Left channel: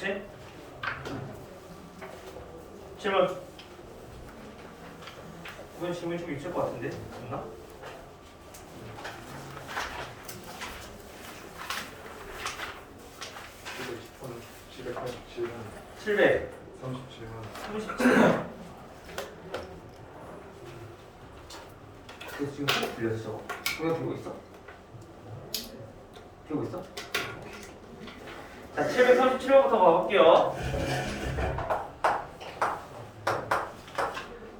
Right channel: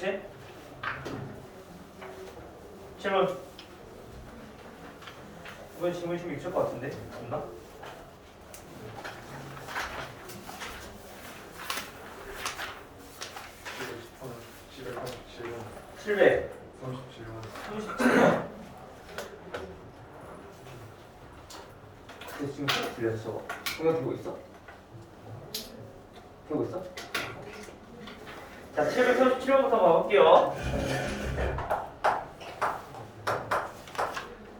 그치? 질문. 이번 질문이 좀 있을 것 같은데? 없나? 질문 700. 37번 37번. 지금 소리 들렸어? 동영 되고 있어? 되고 있어? 자, 737번부터 가볼게요.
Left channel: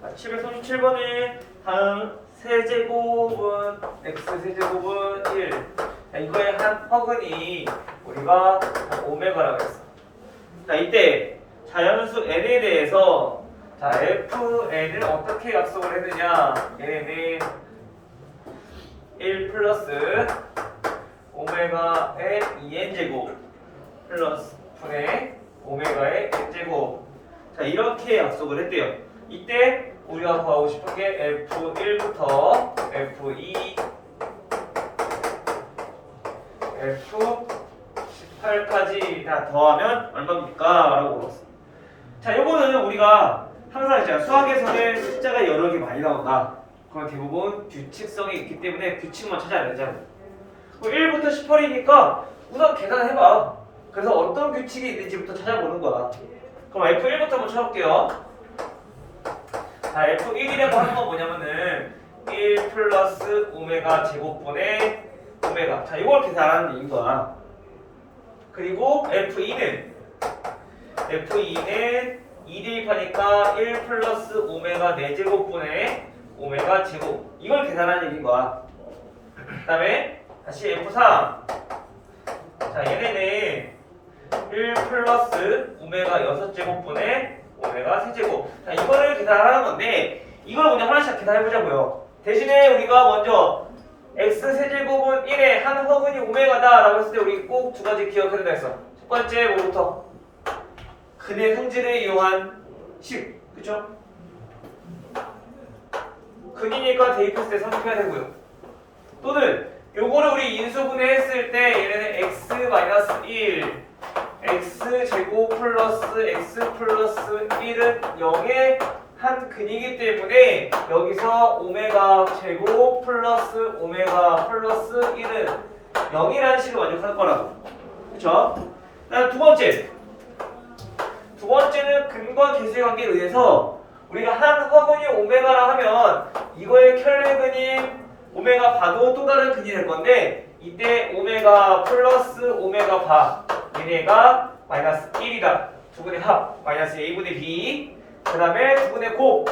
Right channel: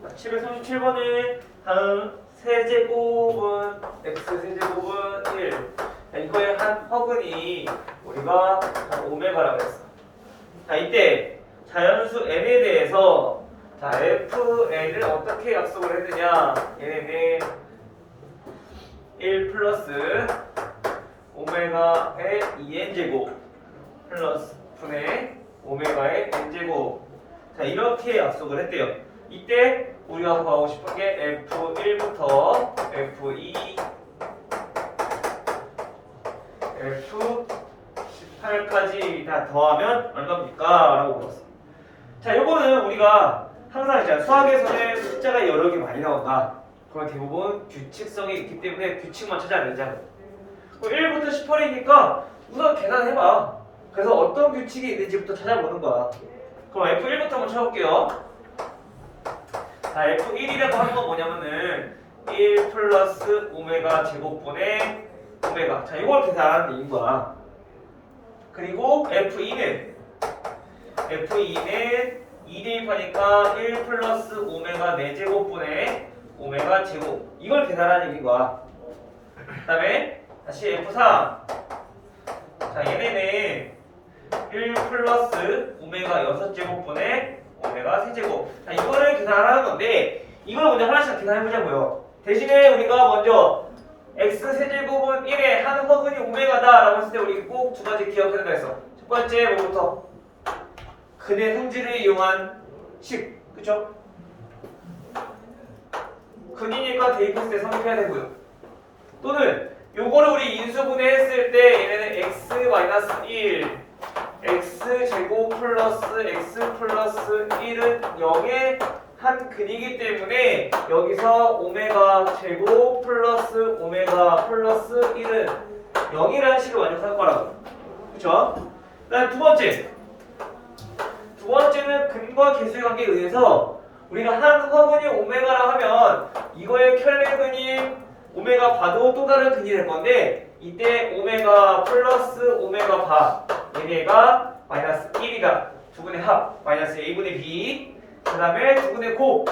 737번은 다음 세제곱은 x 세제곱은 1. 자, 이거의 한 허근이 우리가 오메가라고 했어. 자, 이때 자연수 n에 대해서 자, fn을 어떻게 약속을 했느냐? 얘는 1 플러스 오메가의 2n제곱 플러스 분의 오메가의 n제곱. 자, 이렇게 약속을 했대요. 이때 우리가 구하고 싶은 게 f1부터 f2, f18까지 다 더하면 얼마입니까? 라고 물었어. 자, 요거는 우리가 항상 제가 수학에서는 숫자가 여러 개 많이 나온다. 그건 대부분 규칙성이 있기 때문에 규칙만 찾아야 되잖아. 1부터 18이니까 우선 계산해봐. 그래서 어떤 규칙이 있는지부터 찾아보는 거야. 그럼 F1부터 한번 쳐볼게요. 자, F1이라고 하는 건 뭐냐면은 1 플러스 오메가 제곱분의 오메가. 자, 이걸 계산하는 얘기인 거야. 그리고 F2는 2 대입하니까 1 플러스 오메가 4제곱분의 오메가 제곱. 이걸 계산하는 얘기인 거야. 그 다음에 다시 F3. 자, 얘네는 1 플러스 오메가 6제곱분의 오메가 3제곱. 자, 이거를 계산하는 건데 이걸 먼저 하나씩 계산해보자고요. 대신에 우리가 먼저 x 세제곱은 1의 한 허근이 오메가다 라고 했을 때 우리 꼭 두 가지 기억해야 했어. 첫 번째 뭐부터? 근의 성질을 이용한 식. 그쵸? 근이니까 대입했을 때 성립해야 되고요. 또는 요거를 우리 인수분해했을 때 얘네는 x-1 x제곱 플러스 x 플러스 1은 0의 한 근이기 때문에 여기서 오메가 제곱 플러스 오메가 플러스 1은 0이라는 식을 완성할 거라고. 그쵸? 그다음 두 번째는 근과 계수의 관계에 의해서 우리가 한 허근이 오메가라 하면 이거의 켤레근인 오메가 바도 또 다른 근이 될 건데 이때 오메가 플러스 오메가 바 얘네가 마이너스 1이다. 두 분의 합 마이너스 a분의 b. 그 다음에 두 분의 곱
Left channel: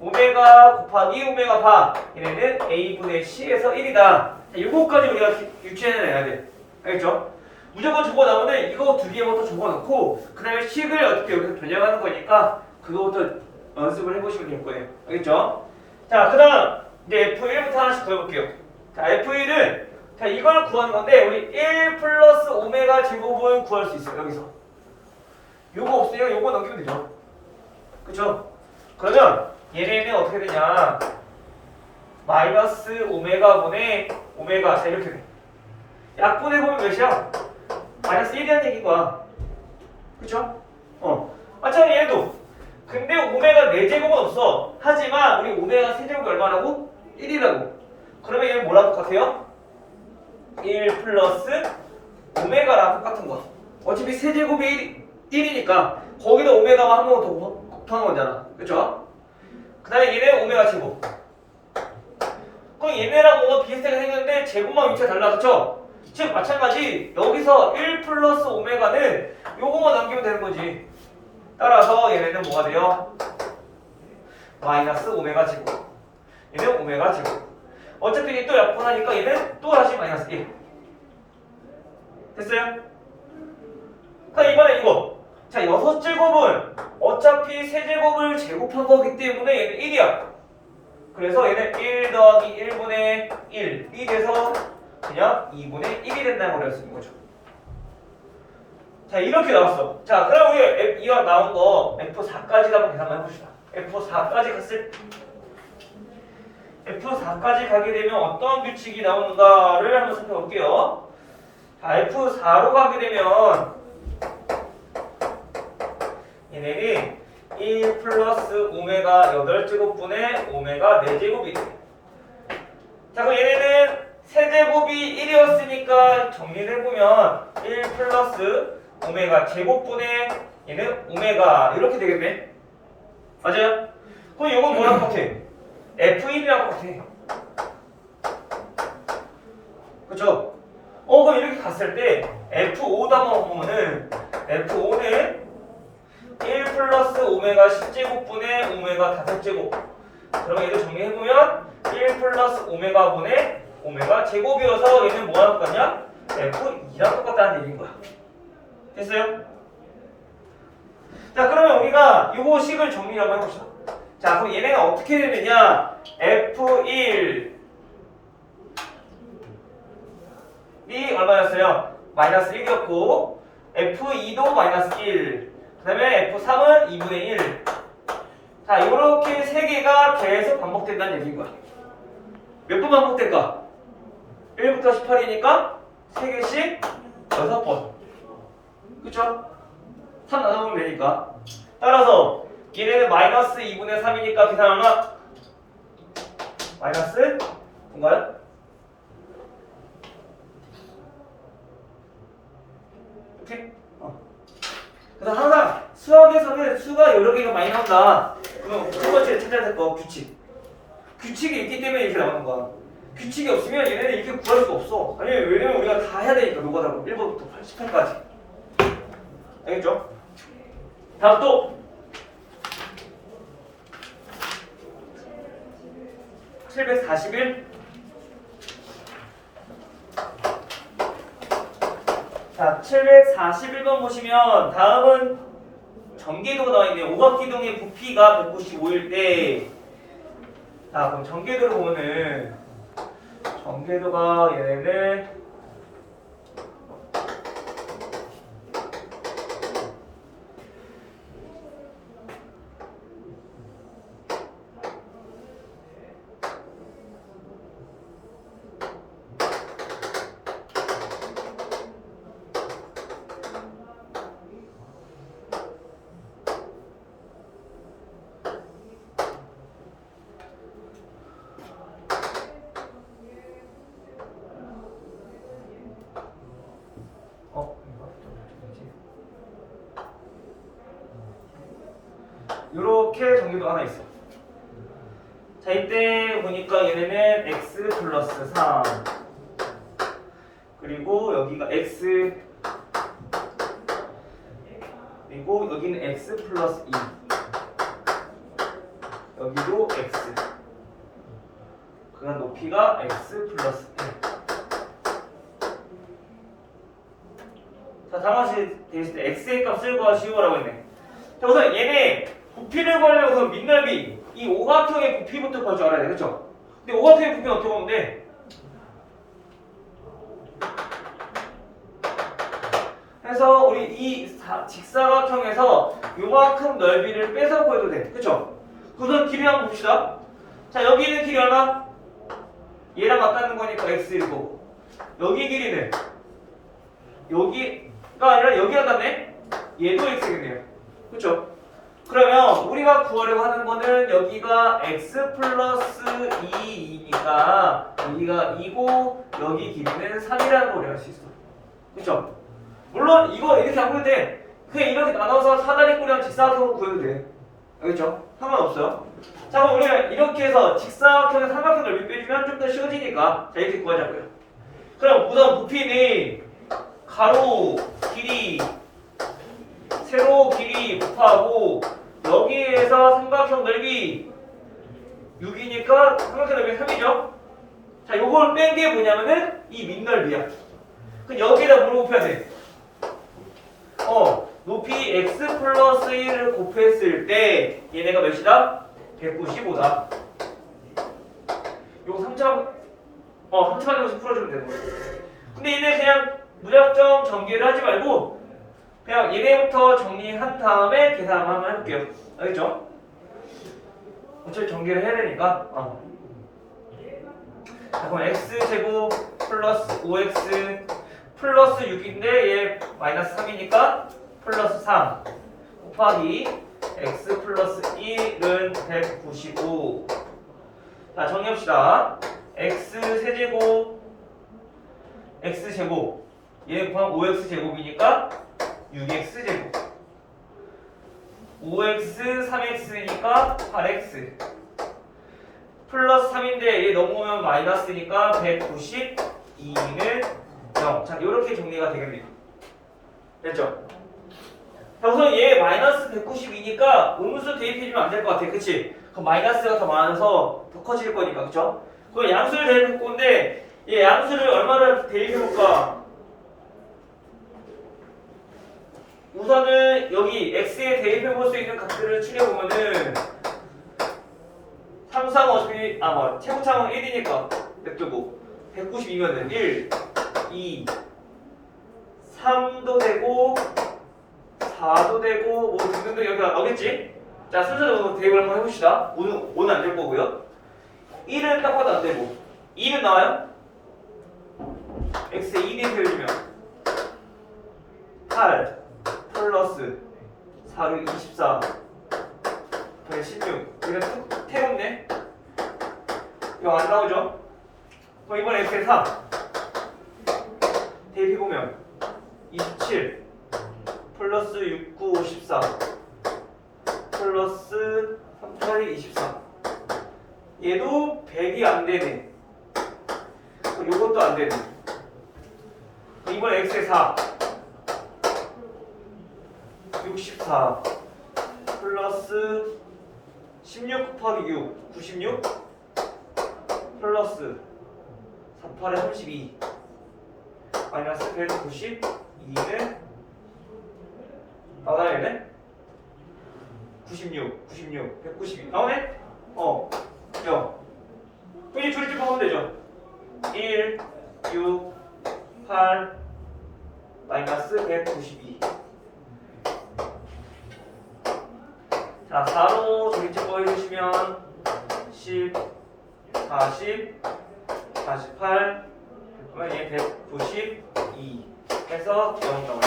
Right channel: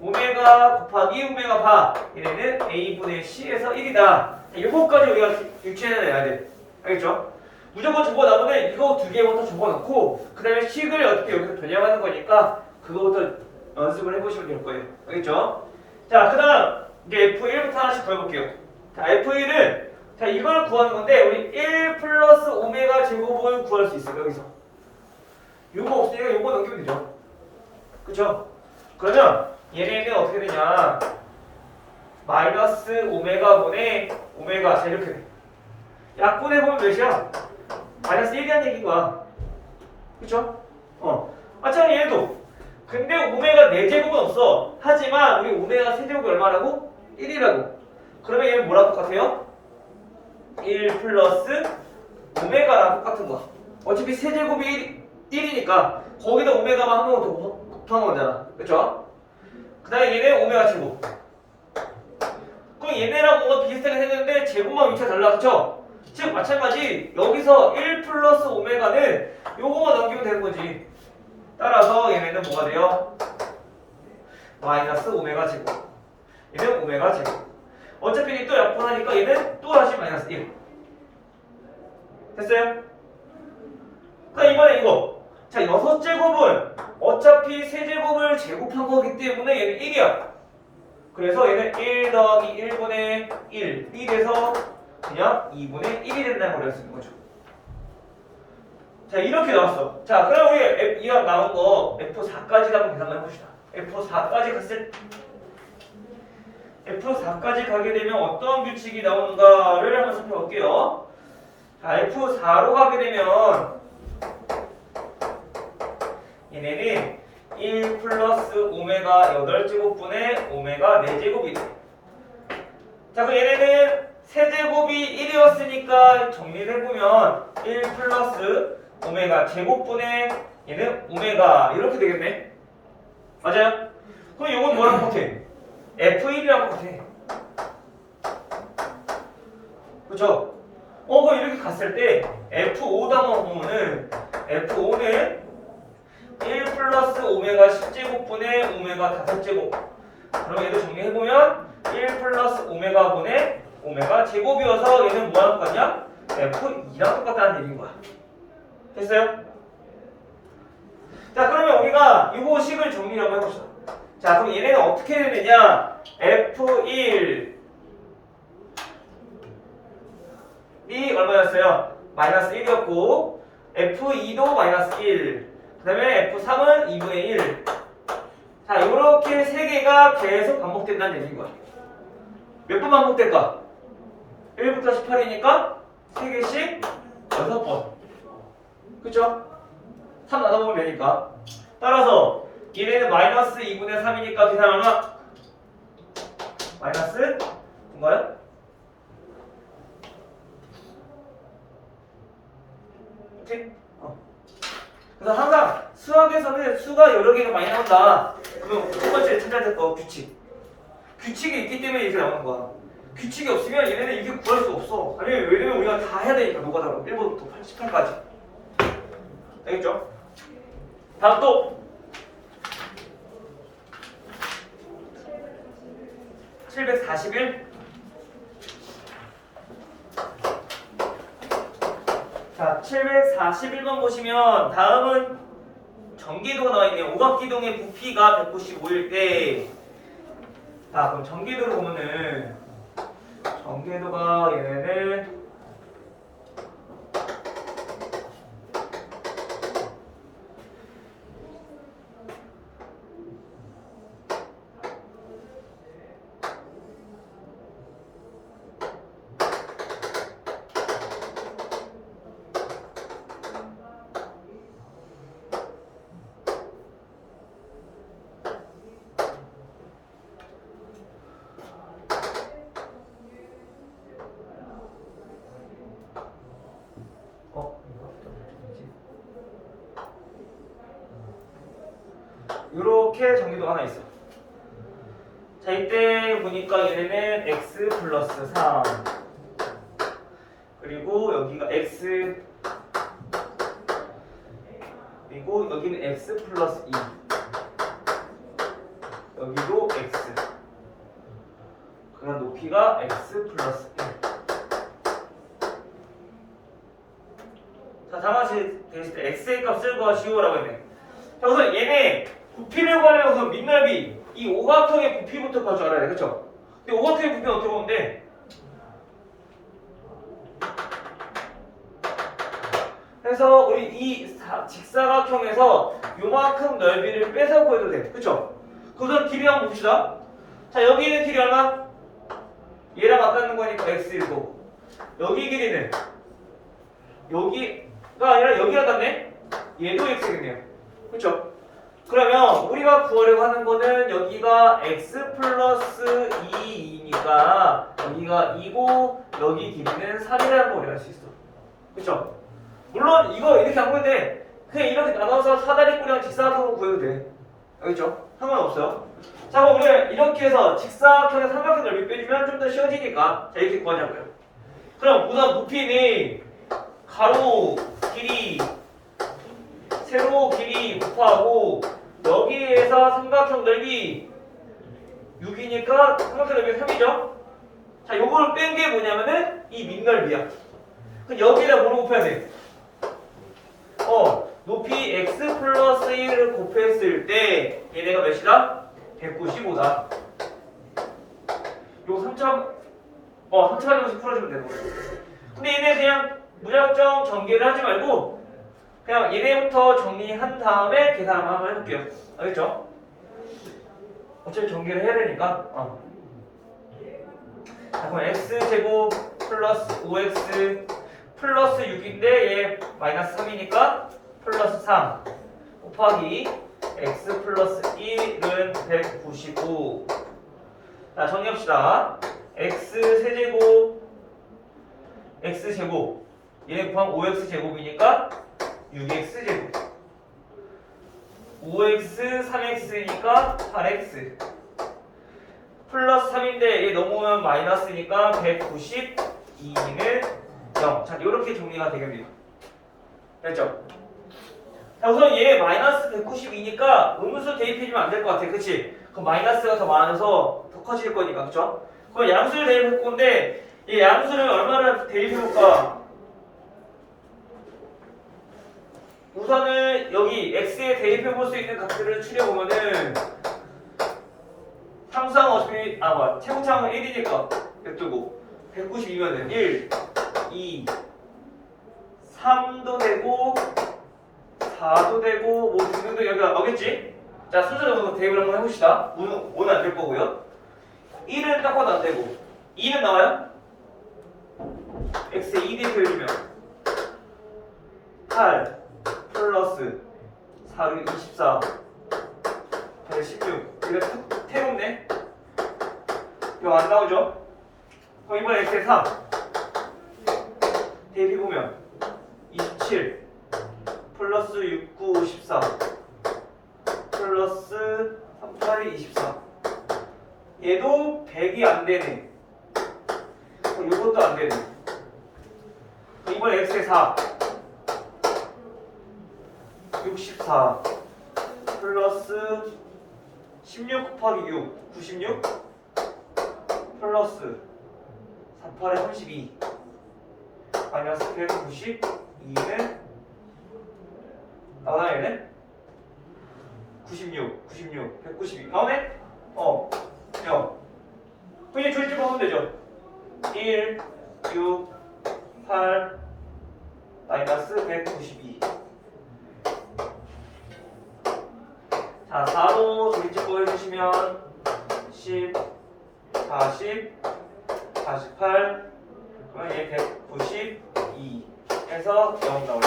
오메가 곱하기 오메가 바 얘네는 a분의 c에서 1이다. 이거까지 우리가 유추해내야 돼. 알겠죠? 무조건 적어 나오면 이거 두 개부터 적어놓고 그 다음에 식을 어떻게 여기서 변형하는 거니까 그거부터 연습을 해보시면 될 거예요. 알겠죠? 자, 그 다음 이제 F1부터 하나씩 더 해볼게요. 자, F1은 자, 이걸 구하는 건데 우리 1 플러스 오메가 제곱을 구할 수 있어요. 여기서 요거 없으니까 요거 넘기면 되죠. 그쵸? 그러면 얘네는 어떻게 되냐 마이너스 오메가분의 오메가. 자, 이렇게 돼. 약분해 보면 몇이야? 마이너스 1이라는 얘기인 거야. 그쵸? 마찬가지 얘도 근데 오메가 4제곱은 없어. 하지만 우리 오메가 세제곱이 얼마라고? 1이라고. 그러면 얘는 뭐랑 똑같아요? 1 플러스 오메가랑 똑같은 거야. 어차피 세제곱이 1이니까 거기다 오메가만 한 번 더 곱하는 거잖아. 그쵸? 그 다음에 얘네 오메가 제곱. 그럼 얘네랑 뭔가 비슷하게 생겼는데 제곱만 위치가 달라. 그쵸? 즉 마찬가지 여기서 1 플러스 오메가는 요거만 넘기면 되는 거지. 따라서 얘네는 뭐가 돼요? 마이너스 오메가 제곱. 얘는 오메가 제곱. 어차피 또 약분하니까 얘는 또 다시 마이너스 1. 됐어요? 그러니까 이번에 이거. 자, 6제곱은 어차피 세제곱을 제곱한 거기 때문에 얘는 1이야. 그래서 얘는 1 더하기 1분의 1이 돼서 그냥 2분의 1이 된다는 걸 알 수 있는 거죠. 자, 이렇게 나왔어. 자, 그럼 우리 이거 나온 거 F4까지 한번 계산을 해봅시다. F4까지 갔을 F4까지 가게 되면 어떤 규칙이 나오는가를 한번 살펴볼게요. 자, F4로 가게 되면 8제곱분의 오메가 4제곱이 돼. 자, 그럼 얘네는 세제곱이 1이었으니까 정리를 해보면 1 플러스 오메가 제곱분의 얘는 오메가 이렇게 되겠네. 맞아요? 그럼 이건 뭐랑 같아? F1이랑 같아. 그쵸? 그럼 이렇게 갔을 때 F5단어 보면은 F5는 1 플러스 오메가 10제곱분의 오메가 5제곱. 그러면 얘도 정리해보면 1 플러스 오메가 분의 오메가 제곱이어서 얘는 뭐랑 똑같냐? F2랑 똑같다는 얘기인 거야. 됐어요? 자, 그러면 우리가 요거 식을 정리를 한번 해봅시다. 자, 그럼 얘네는 어떻게 되느냐? F1이 얼마였어요? 마이너스 1이었고 F2도 마이너스 1, 그 다음에 F3은 2분의 1. 자, 요렇게 세 개가 계속 반복된다는 얘기인 거야. 몇 번 반복될까? 1부터 18이니까 3개씩 6번. 그쵸? 3 나눠보면 되니까. 따라서 얘네는 마이너스 2분의 3이니까 계산하나? 마이너스 뭔가요? 이렇게? 그래서 항상 수학에서는 수가 여러 개가 많이 나온다. 그럼 첫 번째 찾아야 될 거 규칙. 규칙이 있기 때문에 이렇게 나오는 거야. 규칙이 없으면 얘네는 이렇게 구할 수가 없어. 아니, 왜냐면 우리가 다 해야 되니까 노가다로 1번부터 18까지. 알겠죠? 다음 또 741. 자, 741번 보시면 다음은 전개도가 나와있네요. 오각기둥의 부피가 195일 때. 자, 그럼 전개도를 보면은 전개도가 얘네는 요렇게 전개도가 하나 있어요. 자, 이때 보니까 얘네는 x 플러스 3 그리고 여기가 x 그리고 여기는 x 플러스 2 여기도 x 그 다음 높이가 x 플러스 1. 자, 다음같이 되있을 때 x의 값을 구하시오라고 했네. 자, 우선 얘네 부피를 구하려고 민넓이 이 오각형의 부피부터 구할 줄 알아야 돼. 그쵸? 근데 오각형의 부피는 어떻게 보면 돼? 그래서 우리 이 직사각형에서 요만큼 넓이를 빼서 구해도 돼. 그쵸? 우선 길이 한번 봅시다. 자, 여기 있는 길이 얼마? 얘랑 맞닿는 거니까 x1고 여기 길이는 여기가 아니라 여기가 같네? 얘도 x겠네요. 그쵸? 그러면 우리가 구하려고 하는 거는 여기가 x 플러스 2이니까 여기가 2고 여기 길이는 3이라는 걸 우리가 알 수 있어. 그쵸? 물론 이거 이렇게 안 구해도 돼. 그냥 이렇게 나눠서 사다리꼴이랑 직사각형으로 구해도 돼. 알겠죠? 상관없어요. 자, 그럼 우리가 이렇게 해서 직사각형에 삼각형 넓이 빼주면 좀 더 쉬워지니까 자, 이렇게 구하자고요. 그럼 우선 부피는 가로 길이 세로 길이 곱하고 여기에서 삼각형 넓이 6이니까 삼각형 넓이 3이죠. 자, 요걸 뺀 게 뭐냐면은 이 밑넓이야. 그럼 여기다 뭐로 곱해야 돼? 높이 x 플러스 1을 곱했을 때 얘네가 몇이다? 195다. 요거 3차 방정식 풀어주면 되는 거예요. 근데 얘네 그냥 무작정 전개를 하지 말고 그냥 얘네부터 정리한 다음에 계산을 한번 해볼게요. 알겠죠? 어차피 전개를 해야 되니까. 자, 그럼 x제곱 플러스 5x 플러스 6인데 얘 마이너스 3이니까 플러스 3 곱하기 x 플러스 1은 195. 자, 정리합시다. x 세제곱 x 제곱 얘 곱하면 5x 제곱이니까 6x 제곱 5x 3x니까 8x 플러스 3인데 얘 넘어오면 마이너스니까 192는 0. 자, 이렇게 정리가 되겠네요. 됐죠? 자, 우선 얘 마이너스 192니까 음수 대입해주면 안 될 것 같아. 그치? 그럼 마이너스가 더 많아서 더 커질 거니까. 그쵸? 그럼 양수를 대입할 건데 이 양수를 얼마나 대입해볼까? 우선은 여기 x에 대입해볼 수 있는 값들을 추려보면은 항상 어차피 최고차항은 1이니까 냅두고 192면은 1, 2, 3도 되고 4도 되고 뭐 등등등 여기 나오겠지? 자, 순서대로 대입을 한번 해봅시다. 5는 안 될 거고요. 1은 딱 봐도 안 되고 2는 나와요? x에 2 대입해주면 8 플러스 4는 24 116 이거 태롭네. 이거 안 나오죠? 그럼 이번에 x에 4 대입해보면 27 플러스 6, 9, 54 플러스 3, 8, 24 얘도 100이 안 되네. 요것도 안 되네. 이번에 x에 4 64 플러스 16 곱하기 6 96 플러스 38에 32 마이너스 192는 나와야네. 96 192 나오네? 야 그럼 이제 조립집 하면 되죠. 1 6 8 마이너스 192. 자, 4로 조립집 해주시면 10 40 48 그러면 얘 192 해서 0 나와요.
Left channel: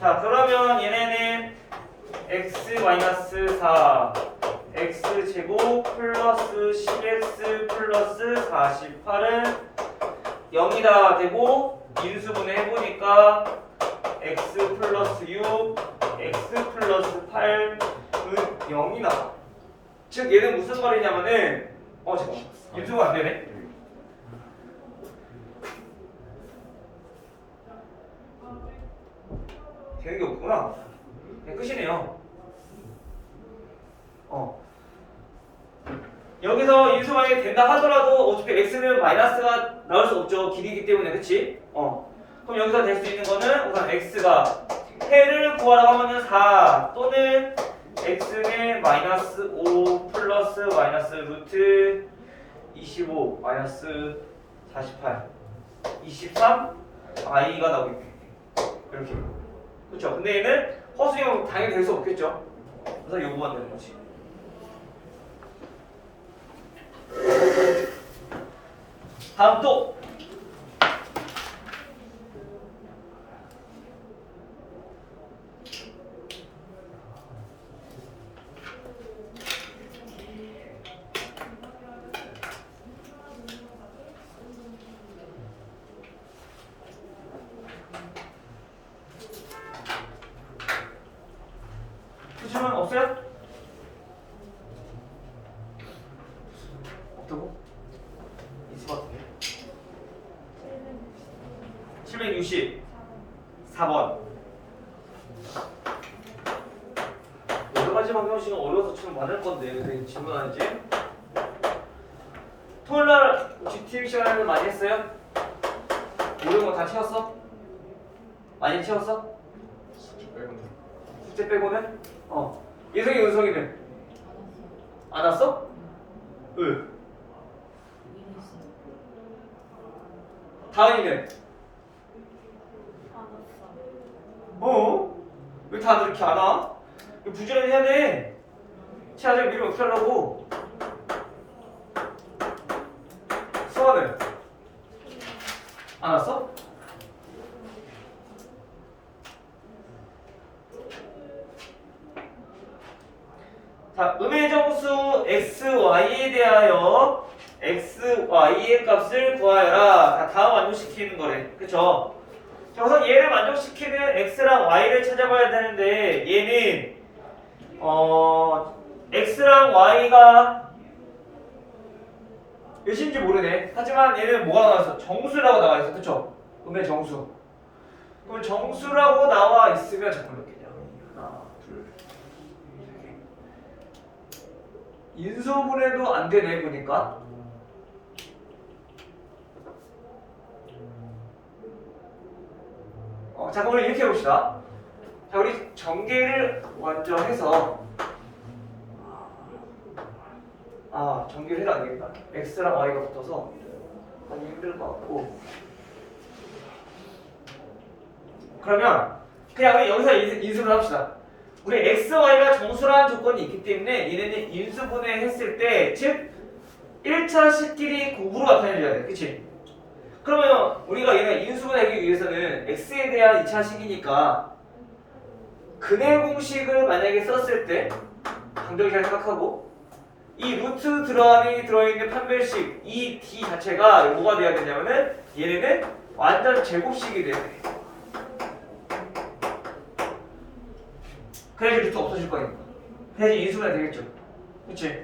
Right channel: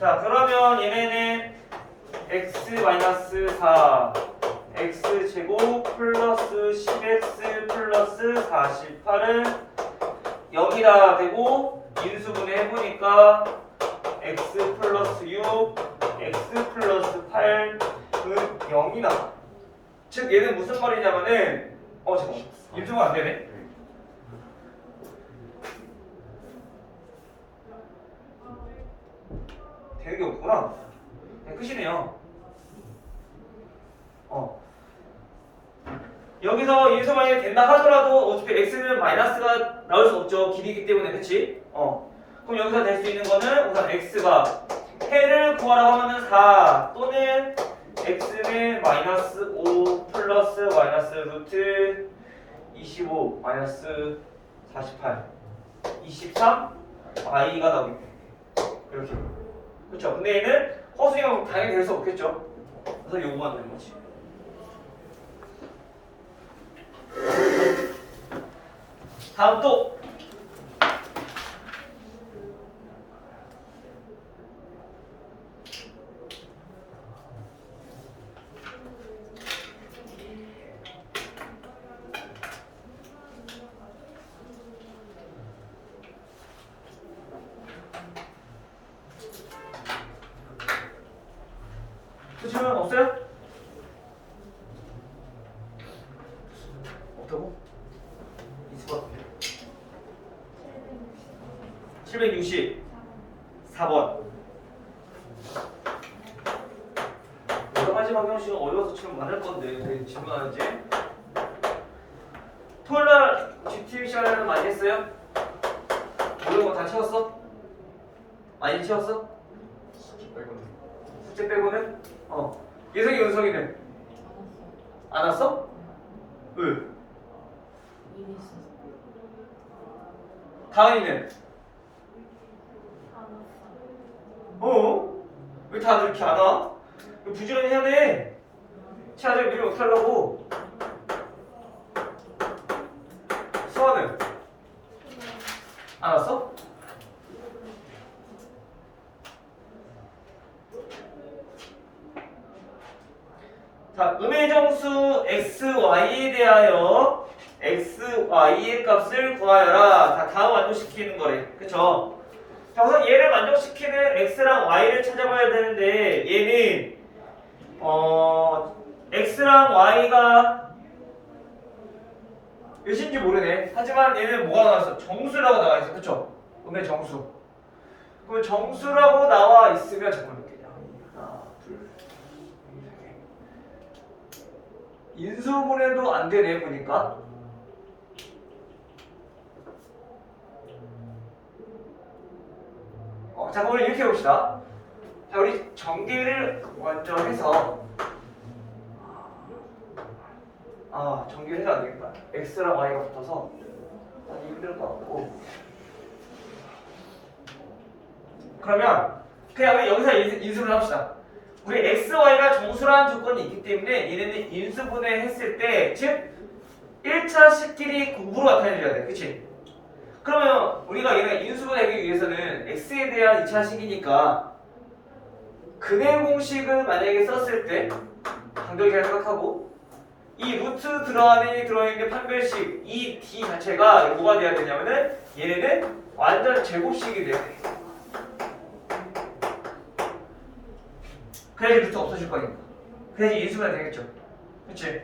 자, 그러면 얘네는 x-4 x제곱 플러스 10x 플러스 48은 0이다 되고 인수분해 해보니까 x 플러스 6 x 플러스 8은 0이다. 즉 얘는 무슨 말이냐면은 잠깐만 인수가 안 되네. 되는 게 없구나. 끝이네요. 여기서 인수 만약에 된다 하더라도 어차피 x는 마이너스가 나올 수 없죠. 길이기 때문에. 그치? 그럼 여기서 될 수 있는 거는 우선 x가 해를 구하라고 하면은 4 또는 x는 마이너스 5 플러스 마이너스 루트 25 마이너스 48 23 i가 나오겠네. 이렇게. 그렇죠? 근데 얘는 허수형 당연히 될 수 없겠죠? 그래서 요거가 되는 거지. 다음 또 수준은 없어요? 없다고? 있을 것 같은데. 764번. 여러 가지 방정식은 어려워서 지금 많을 건데 근데 질문하는지. 토요일날 GTV 시간에는 많이 했어요? 모르는 거 다 채웠어? 많이 채웠어? 숙제 빼고는? 예성이 은성이는? 안 왔어? 왜? 다은이는? 왜 다들 이렇게 안 와? 부지런히 해야 돼. 채아들 미리 어떻게 하려고? 수아는? 안 왔어? 자, 음의정수 xy에 대하여 xy의 값을 구하여라. 자, 다음 만족시키는 거래. 그쵸? 자, 우선 얘를 만족시키는 x랑 y를 찾아봐야 되는데 얘는 x랑 y가 몇인지 모르네. 하지만 얘는 뭐가 나왔어? 정수라고 나와 있어. 그쵸? 음의 정수. 그럼 정수라고 나와 있으면 잠깐만 몇 개냐? 하나, 둘, 세 개. 인수분해도 안 되네 보니까. 자, 그럼 이렇게 해봅시다. 자, 우리 전개를 먼저 해서 전개를 해도 안 되겠다. x랑 y가 붙어서 하기 힘들 것 같고. 그러면 그냥 우리 여기서 인수분해 합시다. 우리 x, y가 정수라는 조건이 있기 때문에 얘네는 인수분해 했을 때, 즉 1차 식끼리 곱으로 나타내줘야 돼. 그치? 그러면 우리가 얘네 인수분해하기 위해서는 x에 대한 2차 식이니까 근해 공식을 만약에 썼을 때 간결히 잘 생각하고 이 루트 안에 들어있는 판별식 이 d 자체가 뭐가 돼야 되냐면은 얘네는 완전 제곱식이 돼야 돼. 그래야지 루트 없어질 거니까. 그래야지 인수분해 되겠죠. 그치?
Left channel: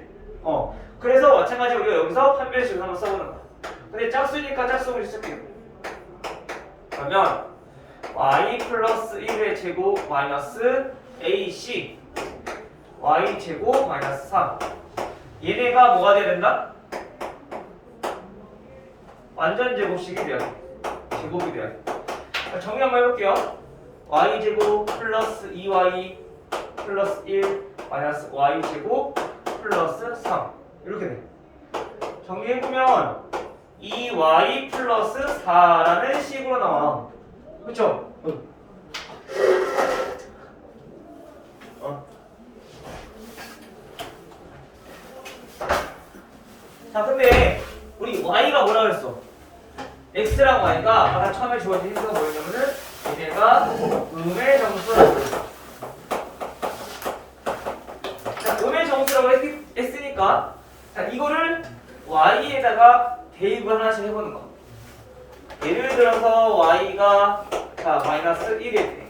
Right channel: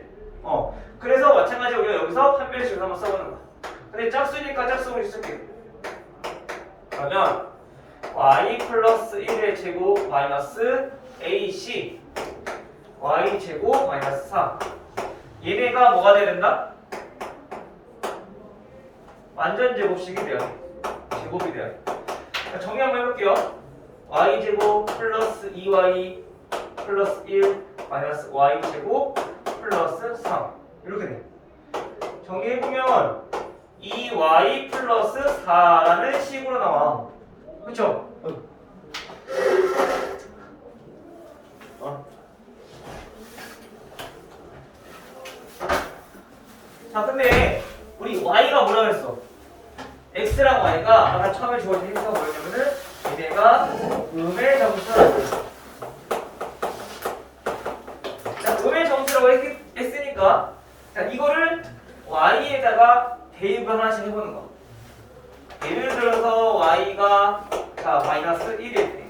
그래서 마찬가지로 우리가 여기서 판별식을 한번 써보는 거야. 근데 짝수니까 짝수를 쓸게. 그러면 y 플러스 1의 제곱 마이너스 ac y 제곱 마이너스 3 얘네가 뭐가 돼야 된다? 완전 제곱식이 돼야 돼. 제곱이 돼야 돼. 정리 한번 해볼게요. y 제곱 플러스 2y 플러스 1 마이너스 y 제곱 플러스 3 이렇게 돼. 정리해보면 2y 플러스 4라는 식으로 나와. 그쵸? 자, 근데 우리 y가 뭐라 그랬어? x랑 y가 아까 처음에 주어진 힌트가 뭐였냐면은 얘네가 음의 정수라고 했어. 자, 음의 정수라고 했으니까 자, 이거를 y에다가 대입을 하나씩 해보는 거. 예를 들어서 y가 마이너스 1일 때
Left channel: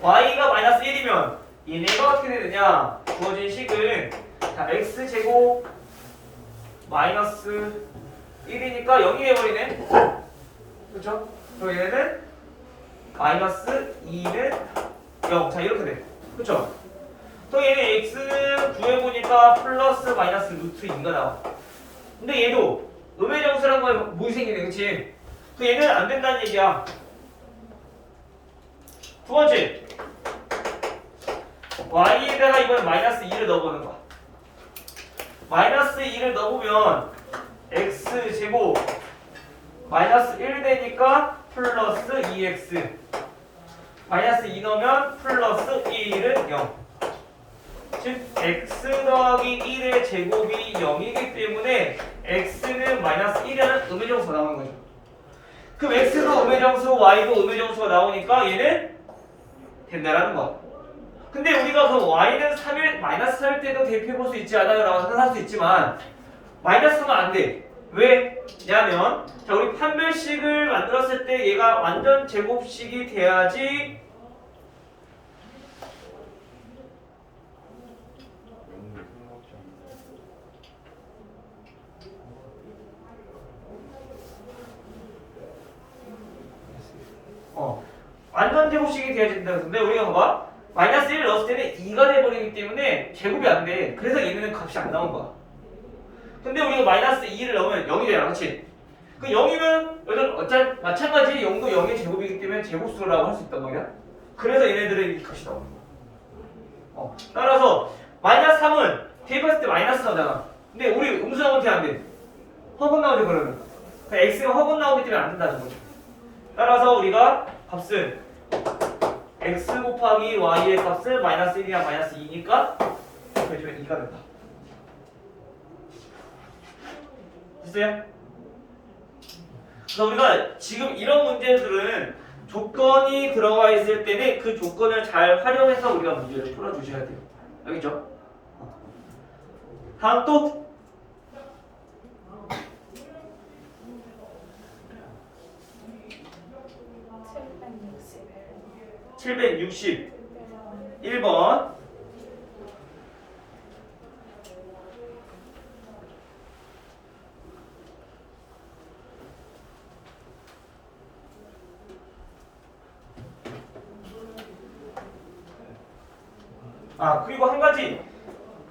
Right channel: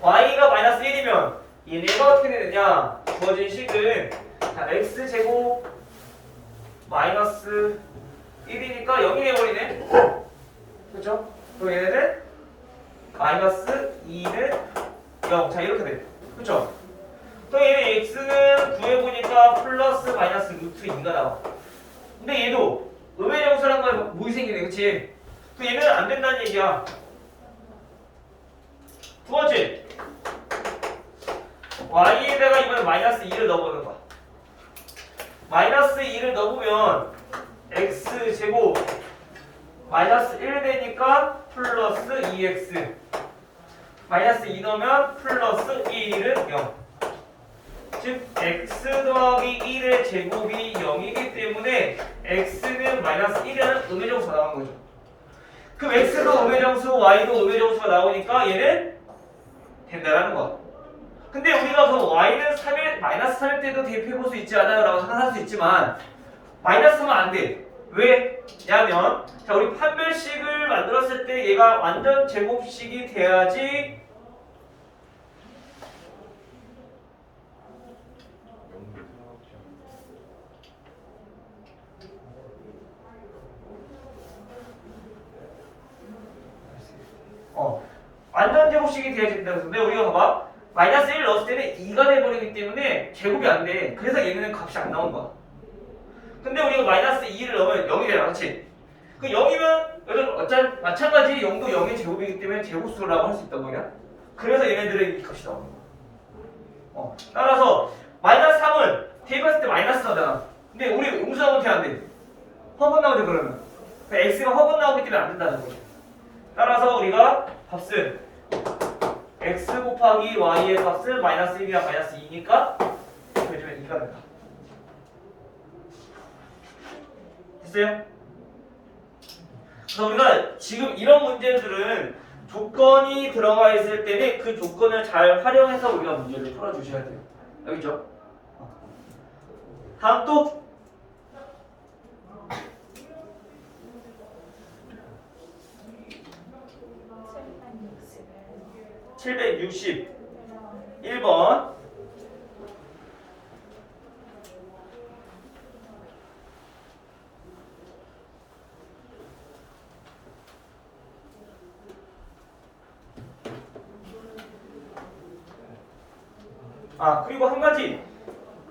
y가 마이너스 1이면 얘네가 어떻게 되느냐? 주어진 식은 x제곱 마이너스 1이니까 0이 되어버리네. 그쵸? 그럼 얘네는 마이너스 2는 0. 자, 이렇게 돼. 그쵸? 그럼 얘네 x는 구해보니까 플러스 마이너스 루트 2가 나와. 근데 얘도 음의 정수란 건 뭐이 생기네. 그치? 그럼 얘는 안 된다는 얘기야. 두 번째, y에다가 이번에 마이너스 2를 넣어보는 거야. 마이너스 2를 넣어보면 x제곱 마이너스 1 되니까 플러스 2x 마이너스 2 넣으면 플러스 1은 0. 즉 x 더하기 1의 제곱이 0이기 때문에 x는 마이너스 1이라는 음의 정수가 나오는 거죠. 그럼 x도 음의 정수, y도 음의 정수가 나오니까 얘는 된다라는 거야. 근데 우리가 그 y는 3일, 마이너스 3일 때도 대입해볼 수 있지 않아요? 라고 생각할 수 있지만 마이너스 하면 안 돼. 왜냐면 자, 우리 판별식을 만들었을 때 얘가 완전 제곱식이 돼야지 완전 제곱식이 돼야 된다고. 근데 우리가 봐봐. 마이너스 1을 넣었을 때는 2가 돼버리기 때문에 제곱이 안 돼. 그래서 얘네는 값이 안 나온 거야. 근데 우리가 마이너스 2를 넣으면 0이 되잖아. 그치? 그 0이면 마찬가지 0도 0의 제곱이기 때문에 제곱수라고 할 수 있단 말이야. 그래서 얘네들은 이 값이 나오는 거야. 따라서 마이너스 3은 대입했을 때 마이너스가 나잖아. 근데 우리 음수 나오면 돼, 안 돼? 허분 나오죠, 그러면. x가 허분 나오기 때문에 안 된다는 거지. 따라서 우리가 값은 x 곱하기 y의 값은 마이너스 1이랑 마이너스 2니까 이렇게 해주면 2가 된다. 됐어요? 그래서 우리가 지금 이런 문제들은 조건이 들어가 있을 때는 그 조건을 잘 활용해서 우리가 문제를 풀어주셔야 돼요. 알겠죠? 다음 또 761번. 그리고 한 가지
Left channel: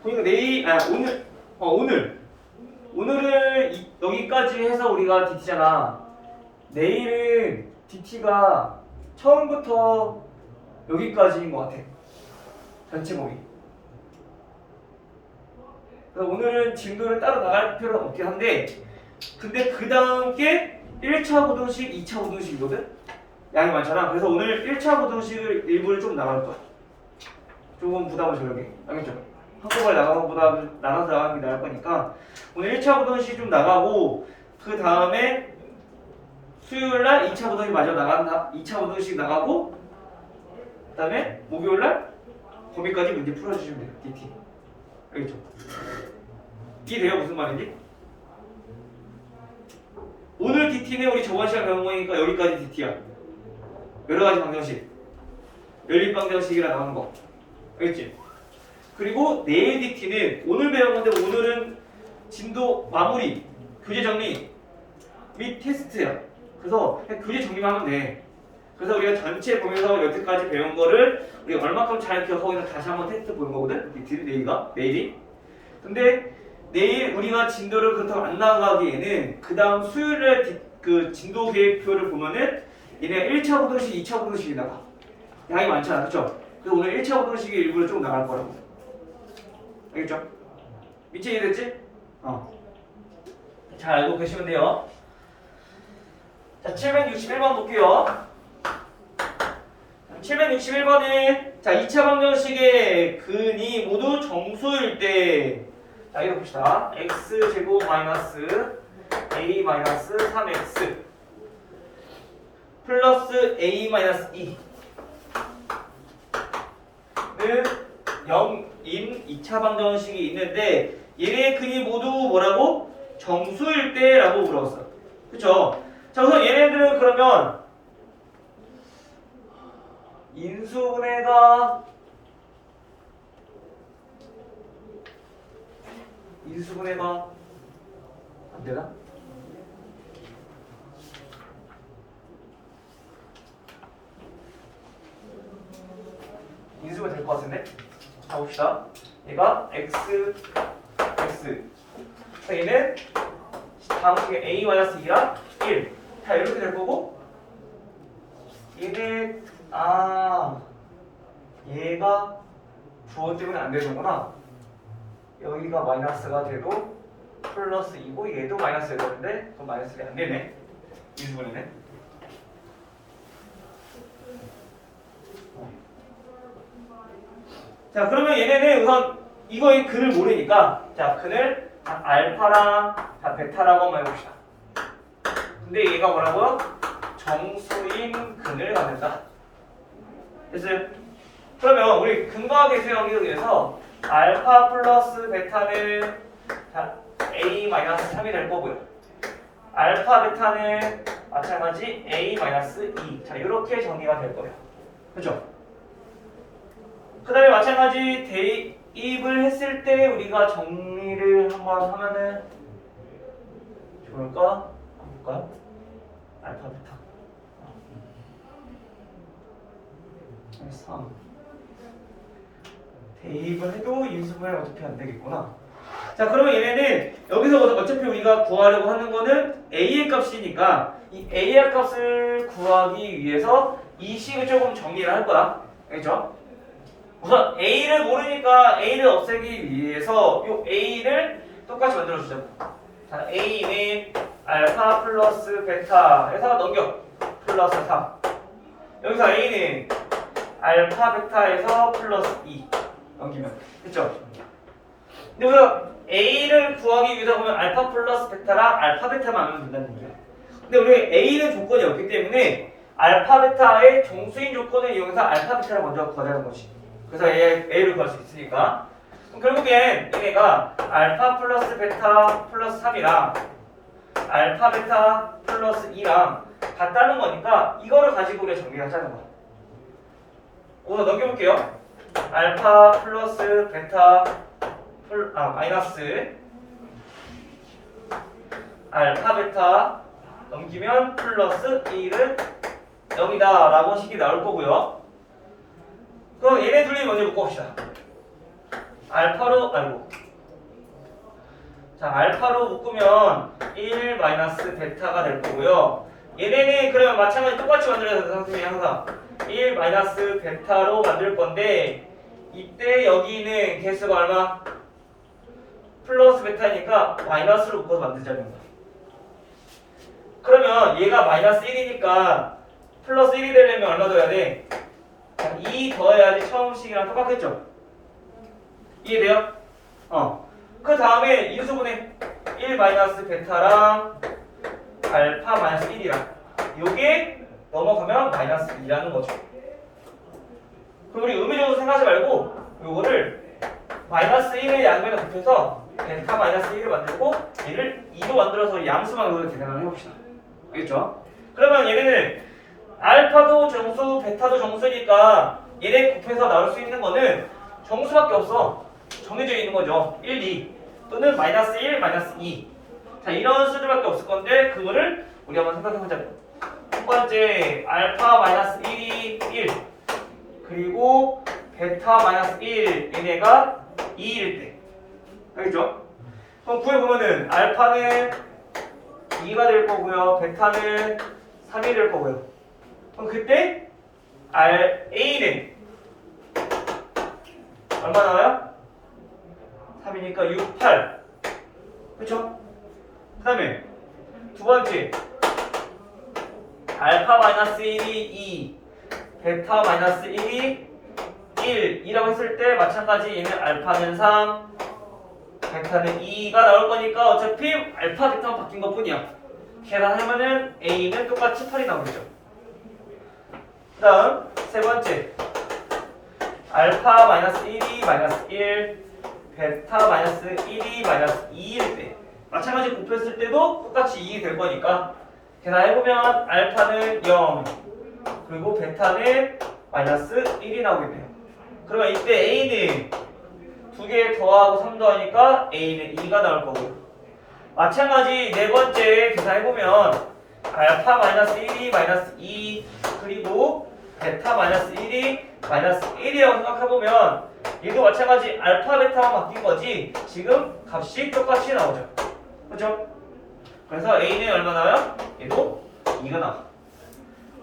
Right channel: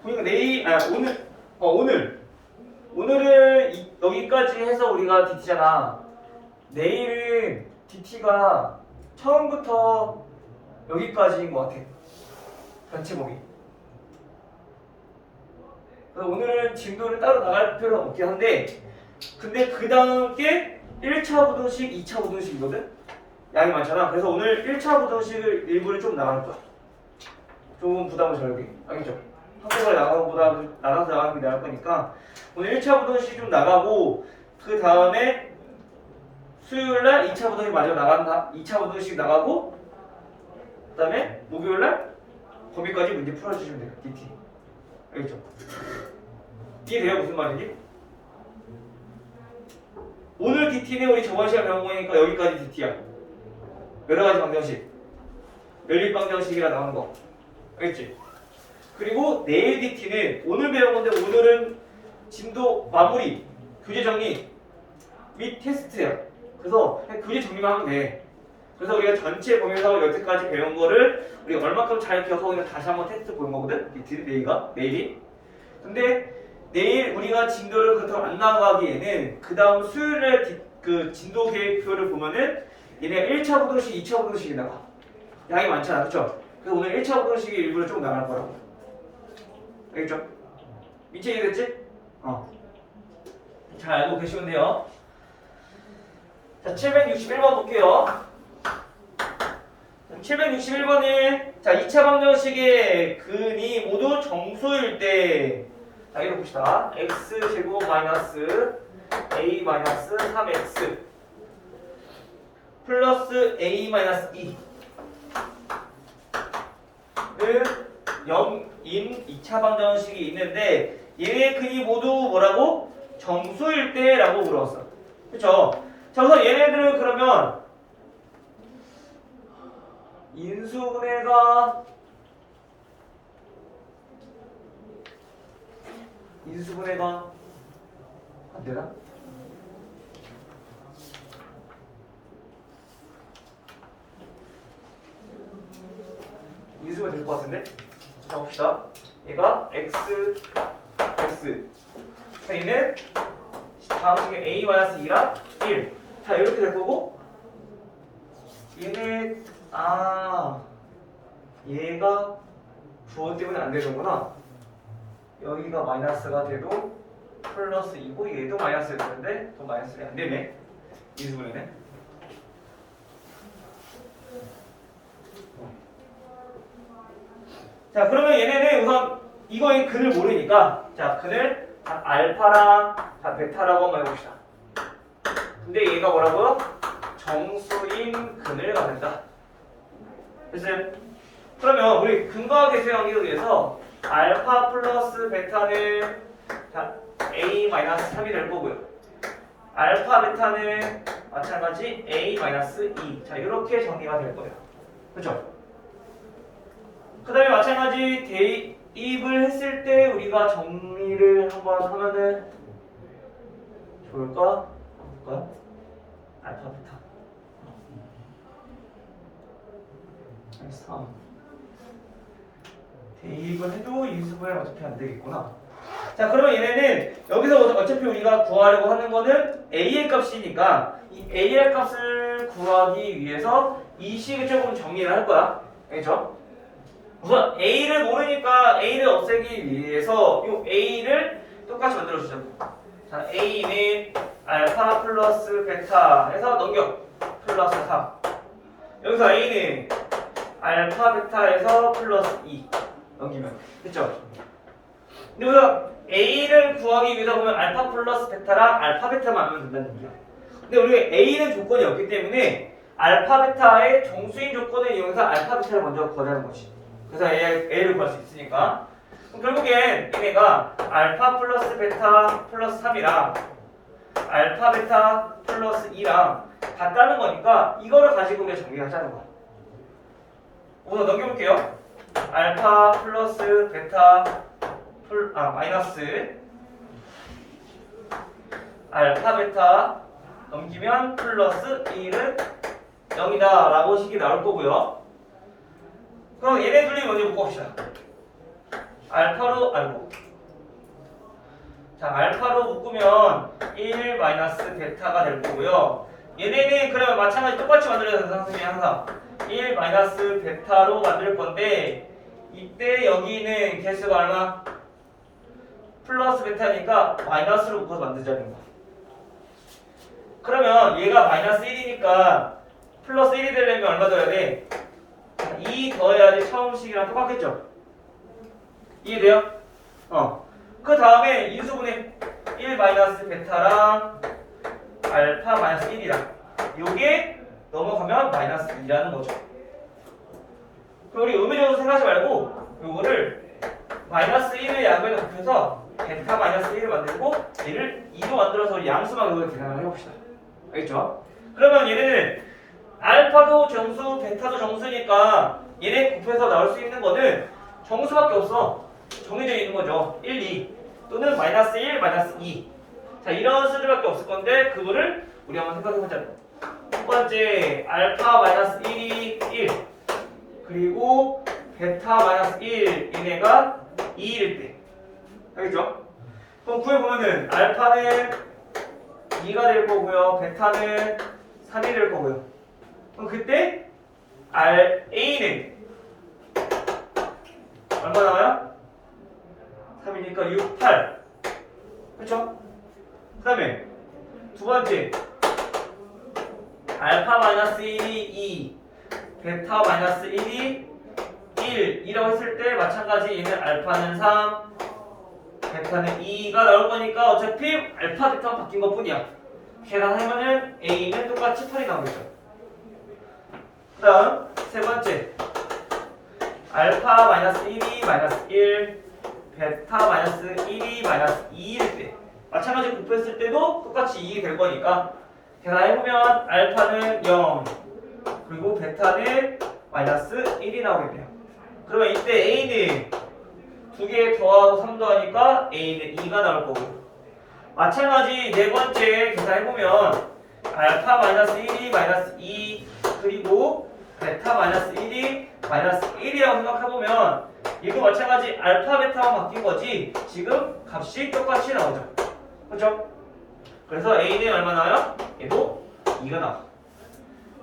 보니까 오늘을 여기까지 해서 우리가 DT잖아. 내일은 DT가 처음부터 여기까지인 것 같아. 전체 범위. 그래서 오늘은 진도를 따로 나갈 필요는 없긴 한데, 근데 그 다음 게 1차 부등식, 2차 부등식이거든? 양이 많잖아. 그래서 오늘 1차 부등식을 일부를 좀 나갈 거야. 조금 부담을 덜게. 알겠죠? 한꺼번에 나가서 나가는 게 나을 거니까 오늘 1차 부등식 좀 나가고, 그 다음에 수요일날 2차 부등식 마저 2차 부등식 나가고, 그 다음에 목요일날 거기까지 문제 풀어주시면 돼요. DT. 알겠죠? 이해돼요? 무슨 말인지? 오늘 DT는 우리 저번 시간 배운 거니까 여기까지 DT야. 여러 가지 방정식. 연립 방정식이라 나오는 거. 알겠지? 그리고 내일 DT는 오늘 배운 건데, 오늘은 진도 마무리, 교재 정리 및 테스트야. 그래서 그냥 교재 정리만 하면 돼. 그래서 우리가 전체 보면서 여태까지 배운 거를 우리가 얼마큼 잘 기억하고 있는지 다시 한번 테스트 보는 거거든? 내일이. 근데 내일 우리가 진도를 그렇다고 안 나가기에는 그 다음 수요일에 그 진도 계획표를 보면은 얘네가 1차 부등식, 2차 부등식이 나가. 양이 많잖아. 그쵸? 그래서 오늘 1차 부등식의 일부를 좀 나갈 거라고. 알겠죠? 미체 이해됐지? 잘 알고 계시면 돼요. 자, 761번 볼게요. 761번에 자, 2차 방정식의 근이 모두 정수일 때, 자, 이거 봅시다. x제곱 마이너스 a 마이너스 3x 플러스 a 마이너스 2는 0인 2차 방정식이 있는데, 얘네 근이 모두 뭐라고? 정수일 때 라고 물어봤어. 그쵸? 자, 우선 얘네들은 그러면 인수분해가 안 되나? 인수가 될 것 같은데? 자, 봅시다. 얘가 x 얘는 방식의 a-2랑 1. 자, 이렇게 될 거고, 얘는 얘가 부호 때문에 안 되는구나. 여기가 마이너스가 돼도 플러스 2고, 얘도 마이너스가 되는데 그럼 마이너스가 안 되네. 인수분해는. 자, 그러면 얘네는 우선 이거의 근을 모르니까, 자, 근을 알파랑 베타라고 한번 해봅시다. 근데 얘가 뭐라고요? 정수인 근을 갖는다. 됐어요? 그러면 우리 근거하게 생각하기 위해서 알파 플러스 베타는 a-3이 될 거고요. 알파 베타는 마찬가지 a-2. 자, 이렇게 정리가 될 거예요. 그죠? 그 다음에 마찬가지 대입을 했을 때 우리가 정리를 한번 하면은 좋을까? 볼까요? 알파 베타 3. 대입을 해도 인수분해가 어차피 안 되겠구나. 자, 그러면 얘네는 여기서 어차피 우리가 구하려고 하는 거는 a의 값이니까 이 a의 값을 구하기 위해서 이 식을 조금 정리를 할 거야. 알겠죠? 우선 a를 모르니까 a를 없애기 위해서 이 a를 똑같이 만들어주자고. 자, a는 알파 플러스 베타 해서 넘겨. 플러스 3. 여기서 a는 알파 베타에서 플러스 2 넘기면 됐죠? 근데 우리가 a를 구하기 위해서 보면 알파 플러스 베타랑 알파 베타만 알면 된다는 얘기야. 근데 우리 a는 조건이 없기 때문에 알파 베타의 정수인 조건을 이용해서 알파 베타를 먼저 구하자는 거지. 그래서 a를 구할 수 있으니까 결국엔 얘네가 알파 플러스 베타 플러스 3이랑 알파 베타 플러스 2랑 같다는 거니까 이거를 가지고 우리가 정리하자는 거야. 오늘 넘겨볼게요. 알파 플러스 베타 마이너스 알파 베타 넘기면 플러스 1은 0이다 라고 식이 나올 거고요. 그럼 얘네 둘이 먼저 묶어봅시다. 알파로 알파로 묶으면 1 마이너스 베타가 될 거고요. 얘네는 그러면 마찬가지 똑같이 만들어야 돼서 선생님이 항상 1 마이너스 베타로 만들 건데 이때 여기는 개수가 얼마? 플러스 베타니까 마이너스로 묶어서 만들자는 거야. 그러면 얘가 마이너스 1이니까 플러스 1이 되려면 얼마 더해야 돼? 2 더해야지 처음 식이랑 똑같겠죠? 이해돼요? 그 다음에 인수분해 1 마이너스 베타랑 알파 마이너스 1이랑 요게 넘어가면 마이너스 2라는 거죠. 그럼 우리 의미적으로 생각하지 말고 요거를 마이너스 1을 양변에 곱해서 베타 마이너스 1을 만들고 얘를 2로 만들어서 양수만 여기서 계산을 해봅시다. 알겠죠? 그러면 얘네는 알파도 정수, 베타도 정수니까 얘네 곱해서 나올 수 있는 거는 정수밖에 없어. 정해져 있는 거죠. 1, 2 또는 마이너스 1, 마이너스 2. 자, 이런 수들밖에 없을 건데 그거를 우리 한번 생각해보자. 첫 번째 알파 마이너스 1이 1 그리고 베타 마이너스 1 얘네가 2일 때 알겠죠? 그럼 구해보면은 알파는 2가 될 거고요. 베타는 3이 될 거고요. 그럼 그때 A는 얼마 나와요? 3이니까 6, 8 그쵸? 그 다음에 두 번째 알파 마이너스 1이 2 베타 마이너스 1이 1이라고 했을 때 마찬가지 얘는 알파는 3 베타는 2가 나올 거니까 어차피 알파 베타만 바뀐 것 뿐이야. 계산하면은 A는 똑같이 8이 나오겠죠. 그 다음 세 번째 알파 마이너스 1이 마이너스 1 베타 마이너스 1이 마이너스 2일 때 마찬가지 곱했을 때도 똑같이 2이 될 거니까 계산해보면 알파는 0 그리고 베타는 마이너스 1이 나오게 돼요. 그러면 이때 A는 2개 더하고 3 더하니까 A는 2가 나올 거고요. 마찬가지 네 번째 계산해보면 알파 마이너스 1이 마이너스 2 그리고 베타 마이너스 1이 마이너스 1이라고 생각해보면 얘도 마찬가지 알파 베타만 바뀐 거지 지금 값이 똑같이 나오죠. 그렇죠? 그래서 A는 얼마 나와요? 얘도 2가 나와.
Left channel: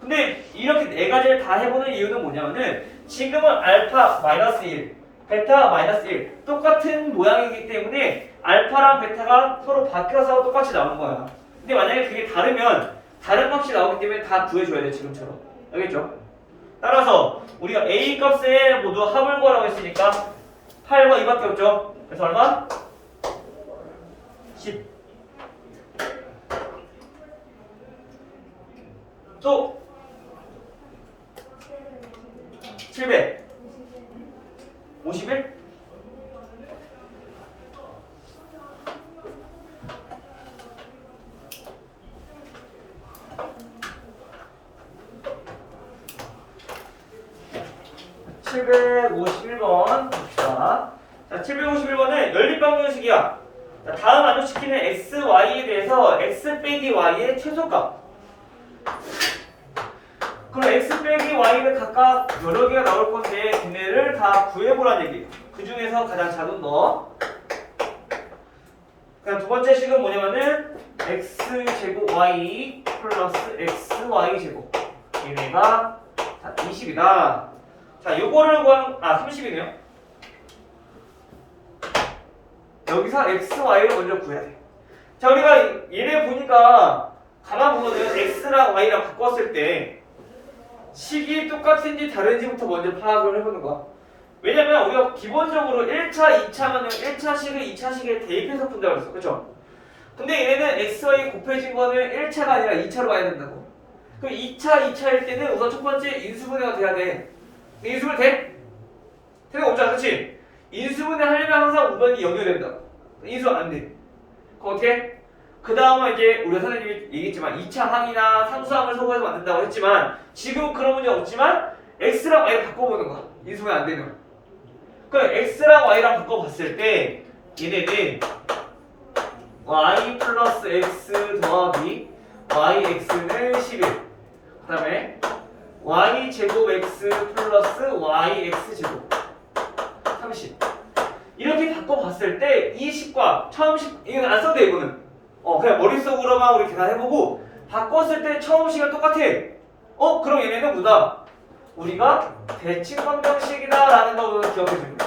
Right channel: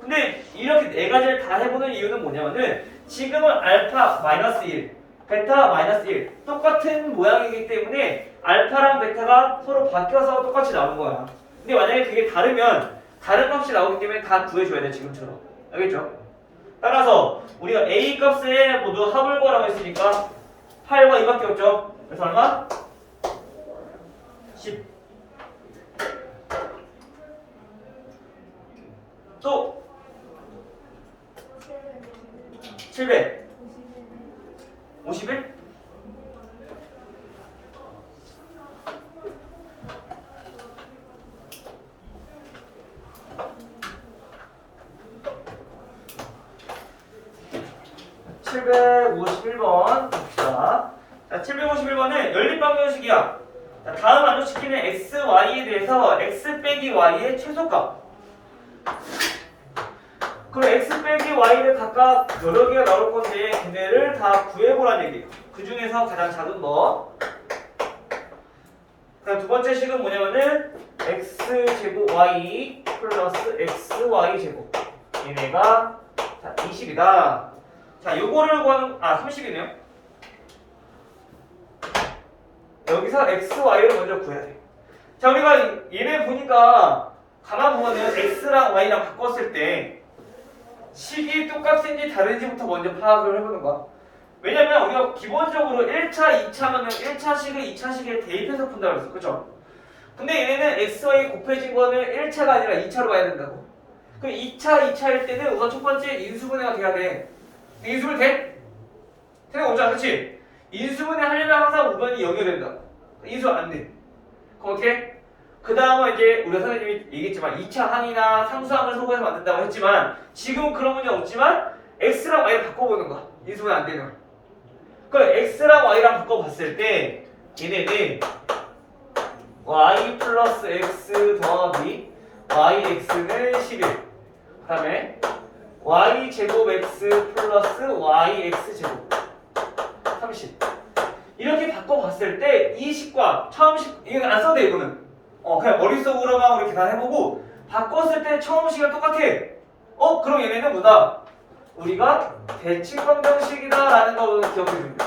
근데 이렇게 네 가지를 다 해보는 이유는 뭐냐면은 지금은 알파 마이너스 1 베타 마이너스 1 똑같은 모양이기 때문에 알파랑 베타가 서로 바뀌어서 똑같이 나오는 거야. 근데 만약에 그게 다르면 다른 값이 나오기 때문에 다 구해줘야 돼 지금처럼. 알겠죠? 따라서 우리가 A 값에 모두 합을 구하라고 했으니까 8과 2밖에 없죠. 그래서 얼마? 10. 또 700 51 751번 봅시다. 자, 751번은 연립방정식이야. 자, 다음 만족시키는 x, y에 대해서 x 빼기 y의 최소값. 그럼 x 빼기 y를 각각 여러 개가 나올 건데 걔네를 다 구해보라는 얘기예요. 그 중에서 가장 작은 거. 그다음 두 번째 식은 뭐냐면은 x제곱 y 플러스 xy 제곱. 얘네가 20이다. 자, 요거를 구한 30이네요. 여기서 x, y를 먼저 구해야 돼. 자, 우리가 얘네 보니까 가만 보면은 x랑 y랑 바꿨을 때 식이 똑같은지 다른지부터 먼저 파악을 해보는 거야. 왜냐면 우리가 기본적으로 1차, 2차면은 1차식을 2차식에 대입해서 푼다고 그랬어. 그쵸? 근데 얘네는 x, y 곱해진 거는 1차가 아니라 2차로 봐야 된다고. 그럼 2차일 때는 우선 첫 번째 인수분해가 돼야 돼. 인수분 돼? 되는 거 없잖아, 그렇지? 인수분해 하려면 항상 우변이 0이 된다. 인수 안 돼. 그럼 어떻게? 그 다음은 이제 우리가 선생님이 얘기했지만 2차 항이나 상수항을 소개해서 만든다고 했지만 지금 그런 문제 없지만 x랑 y를 바꿔보는 거야. 인수분해 안 되면. 그럼 x랑 y랑 바꿔봤을 때 얘네는 y 플러스 x 더하기 yx는 11. 그 다음에 y 제곱 x 플러스 yx 제곱 30. 이렇게 바꿔봤을 때 이 식과 처음 식 이건 안 써도 돼 이거는. 그냥 머릿속으로만 우리 계산해보고 바꿨을 때 처음 식은 똑같아. 그럼 얘네는 뭐다? 우리가 대칭방정식이다 라는 거 기억해주면 돼.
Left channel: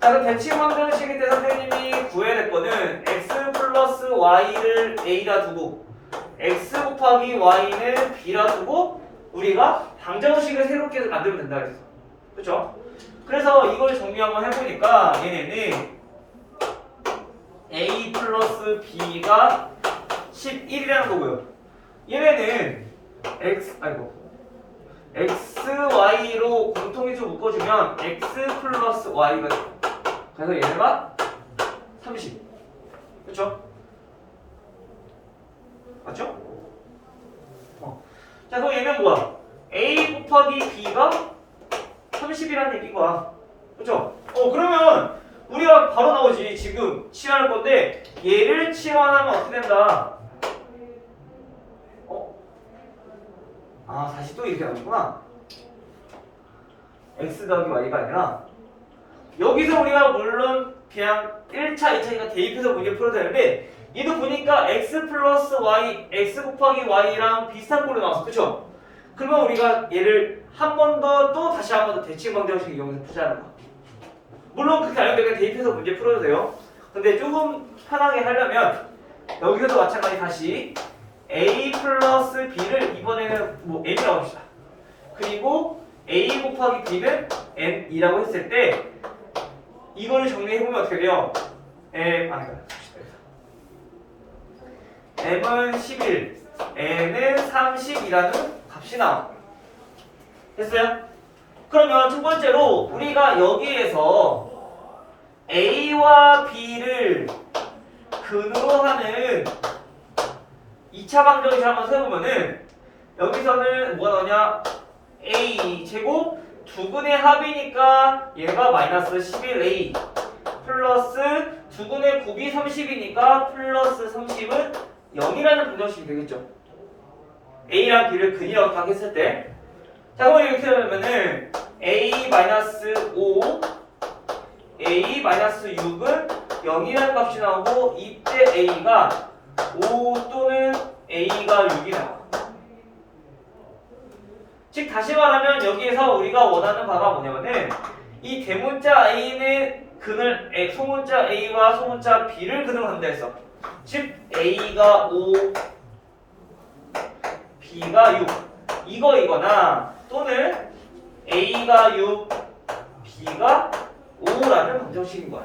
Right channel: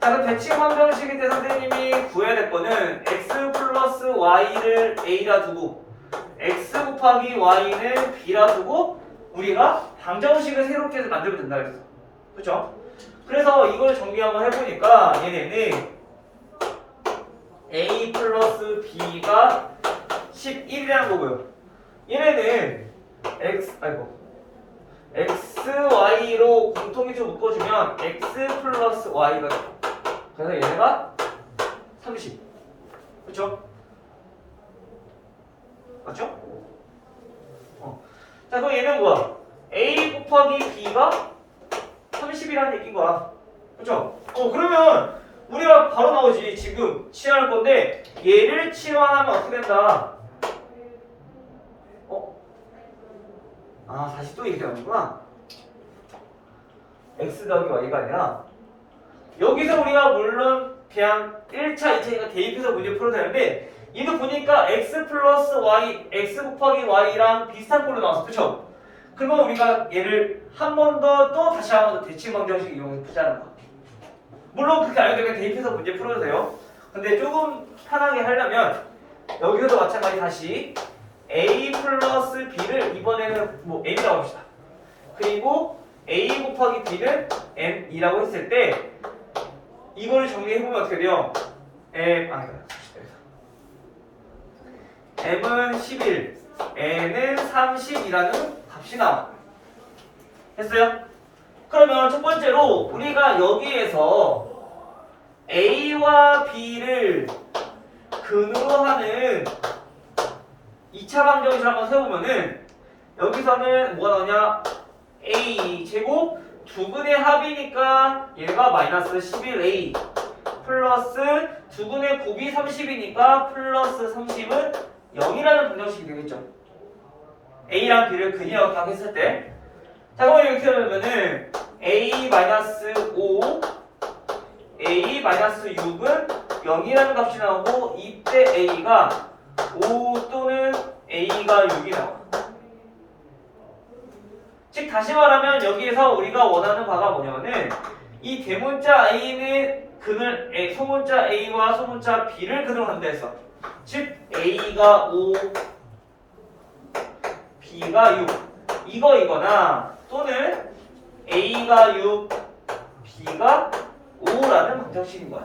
자, 그럼 대칭방정식일 때 선생님이 구해야 될 거는 x 플러스 y를 a라 두고 x 곱하기 y는 b라 두고 우리가 방정식을 새롭게 만들면 된다 그랬어. 그쵸? 그래서 이걸 정리 한번 해보니까 얘네는 a 플러스 b가 11이라는 거고요. 얘네는 xy로 공통위주로 묶어주면 x 플러스 y가 돼. 그래서 얘네가 30. 그쵸? 맞죠? 자, 그럼 얘는 뭐야? a 곱하기 b가 30이라는 얘기인 거야. 그쵸? 그러면 우리가 바로 나오지. 지금 치환할 건데 얘를 치환하면 어떻게 된다? 다시 또 이렇게 나오는구나. x 더하기 y가 아니라 여기서 우리가 물론 그냥 1차, 2차니까 대입해서 문제 풀어도 되는데 얘도 보니까 x 플러스 y, x 곱하기 y랑 비슷한 꼴로 나왔어. 그쵸? 그러면 우리가 얘를 한 번 더 또 다시 한 번 더 대칭방정식 이용해서 푸자는 거야. 물론 그렇게 알면 그냥 대입해서 문제 풀어도 돼요. 근데 조금 편하게 하려면 여기서도 마찬가지 다시 a 플러스 b를 이번에는 뭐 n이라고 합시다. 그리고 a 곱하기 b는 n이라고 했을 때 이거를 정리해보면 어떻게 돼요? m은 11, n은 30이라는 값이 나와. 됐어요? 그러면 첫 번째로 우리가 여기에서 a와 b를 근으로 하는 2차 방정식을 한번 세워보면은 여기서는 뭐가 나오냐? a 제곱 두근의 합이니까 얘가 마이너스 11a 플러스 두근의 곱이 30이니까 플러스 30은 0이라는 방정식이 되겠죠. a랑 b를 근이라고 딱 했을 때. 자, 그러면 이렇게 되면은 a 마이너스 5 a 마이너스 6은 0이라는 값이 나오고 이때 a가 5 또는 a가 6이 나와. 즉 다시 말하면 여기에서 우리가 원하는 바가 뭐냐면은 이 대문자 a는 근을 소문자 a와 소문자 b를 근으로 한다 했어. 즉 a가 5 b가 6 이거나 또는 a가 6 b가 5라는 방정식인 거야.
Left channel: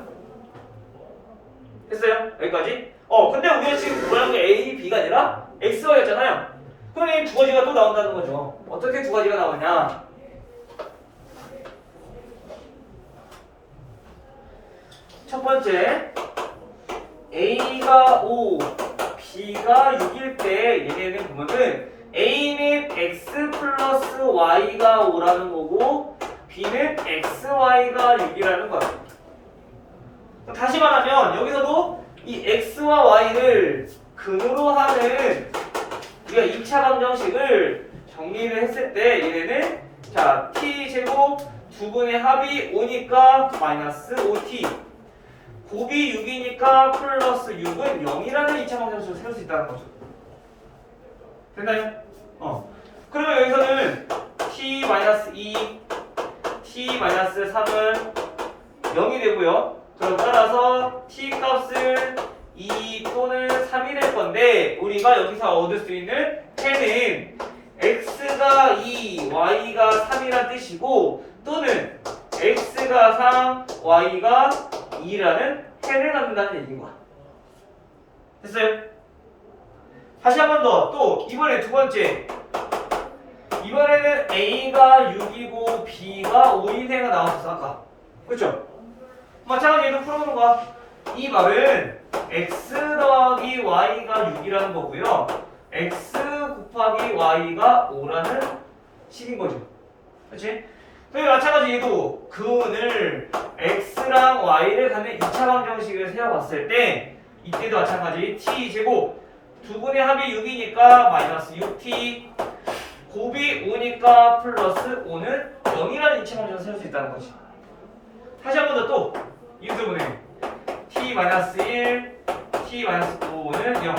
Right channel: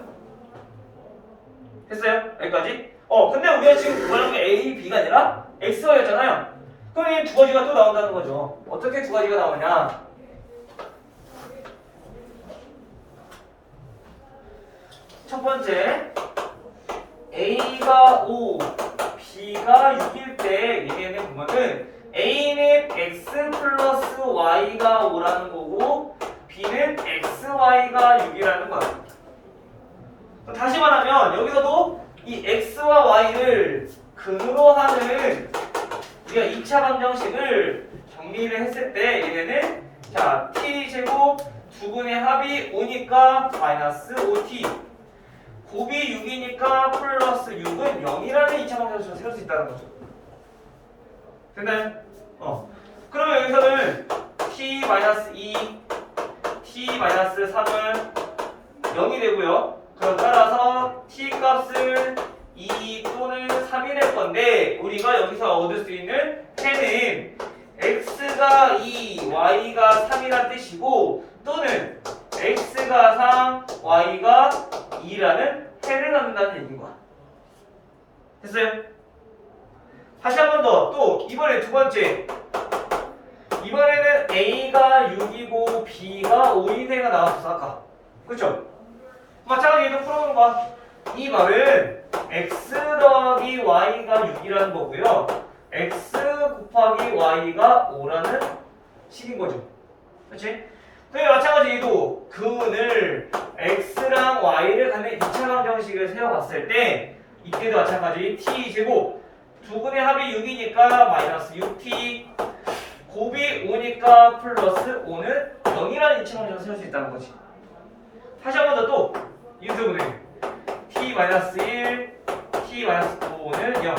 됐어요? 여기까지? 근데 우리가 지금 그거는 a, b가 아니라 x, y였잖아요. 그럼 이 두 가지가 또 나온다는 거죠. 어떻게 두 가지가 나오냐? 첫 번째, a가 5, b가 6일 때 얘네는 보면은 a는 x 플러스 y가 5라는 거고 b는 xy가 6이라는 거야. 다시 말하면 여기서도 이 x와 y를 근으로 하는 우리가 2차 방정식을 정리를 했을 때 얘네는 자 t제곱 두근의 합이 5니까 마이너스 5t 곱이 6이니까 플러스 6은 0이라는 2차 방정식을 세울 수 있다는 거죠. 됐나요? 그러면 여기서는 t-2 t-3은 0이 되고요. 그럼 따라서 t 값을 2 또는 3이 될 건데 우리가 여기서 얻을 수 있는 해는 x가 2, y가 3이란 뜻이고 또는 x가 3, y가 2라는 해를 갖는다는 얘기인 거야. 됐어요? 다시 한 번 더. 또 이번에 두 번째. 이번에는 a가 6이고 b가 5인 해가 나왔어 아까. 그렇죠? 마찬가지로 얘도 풀어보는 거야. 이 말은 x 더하기 y가 6이라는 거고요. x 곱하기 y가 5라는 식인 거죠. 그렇지? 그리고 마찬가지 얘도 근을 x랑 y를 갖는 2차 방정식을 세워봤을 때 이때도 마찬가지 t제곱 두 분의 합이 6이니까 마이너스 6t 곱이 5니까 플러스 5는 0이라는 2차 방정식을 세울 수 있다는 거지. 다시 한 번 더 또 인수분해 t-1 t-5는 0.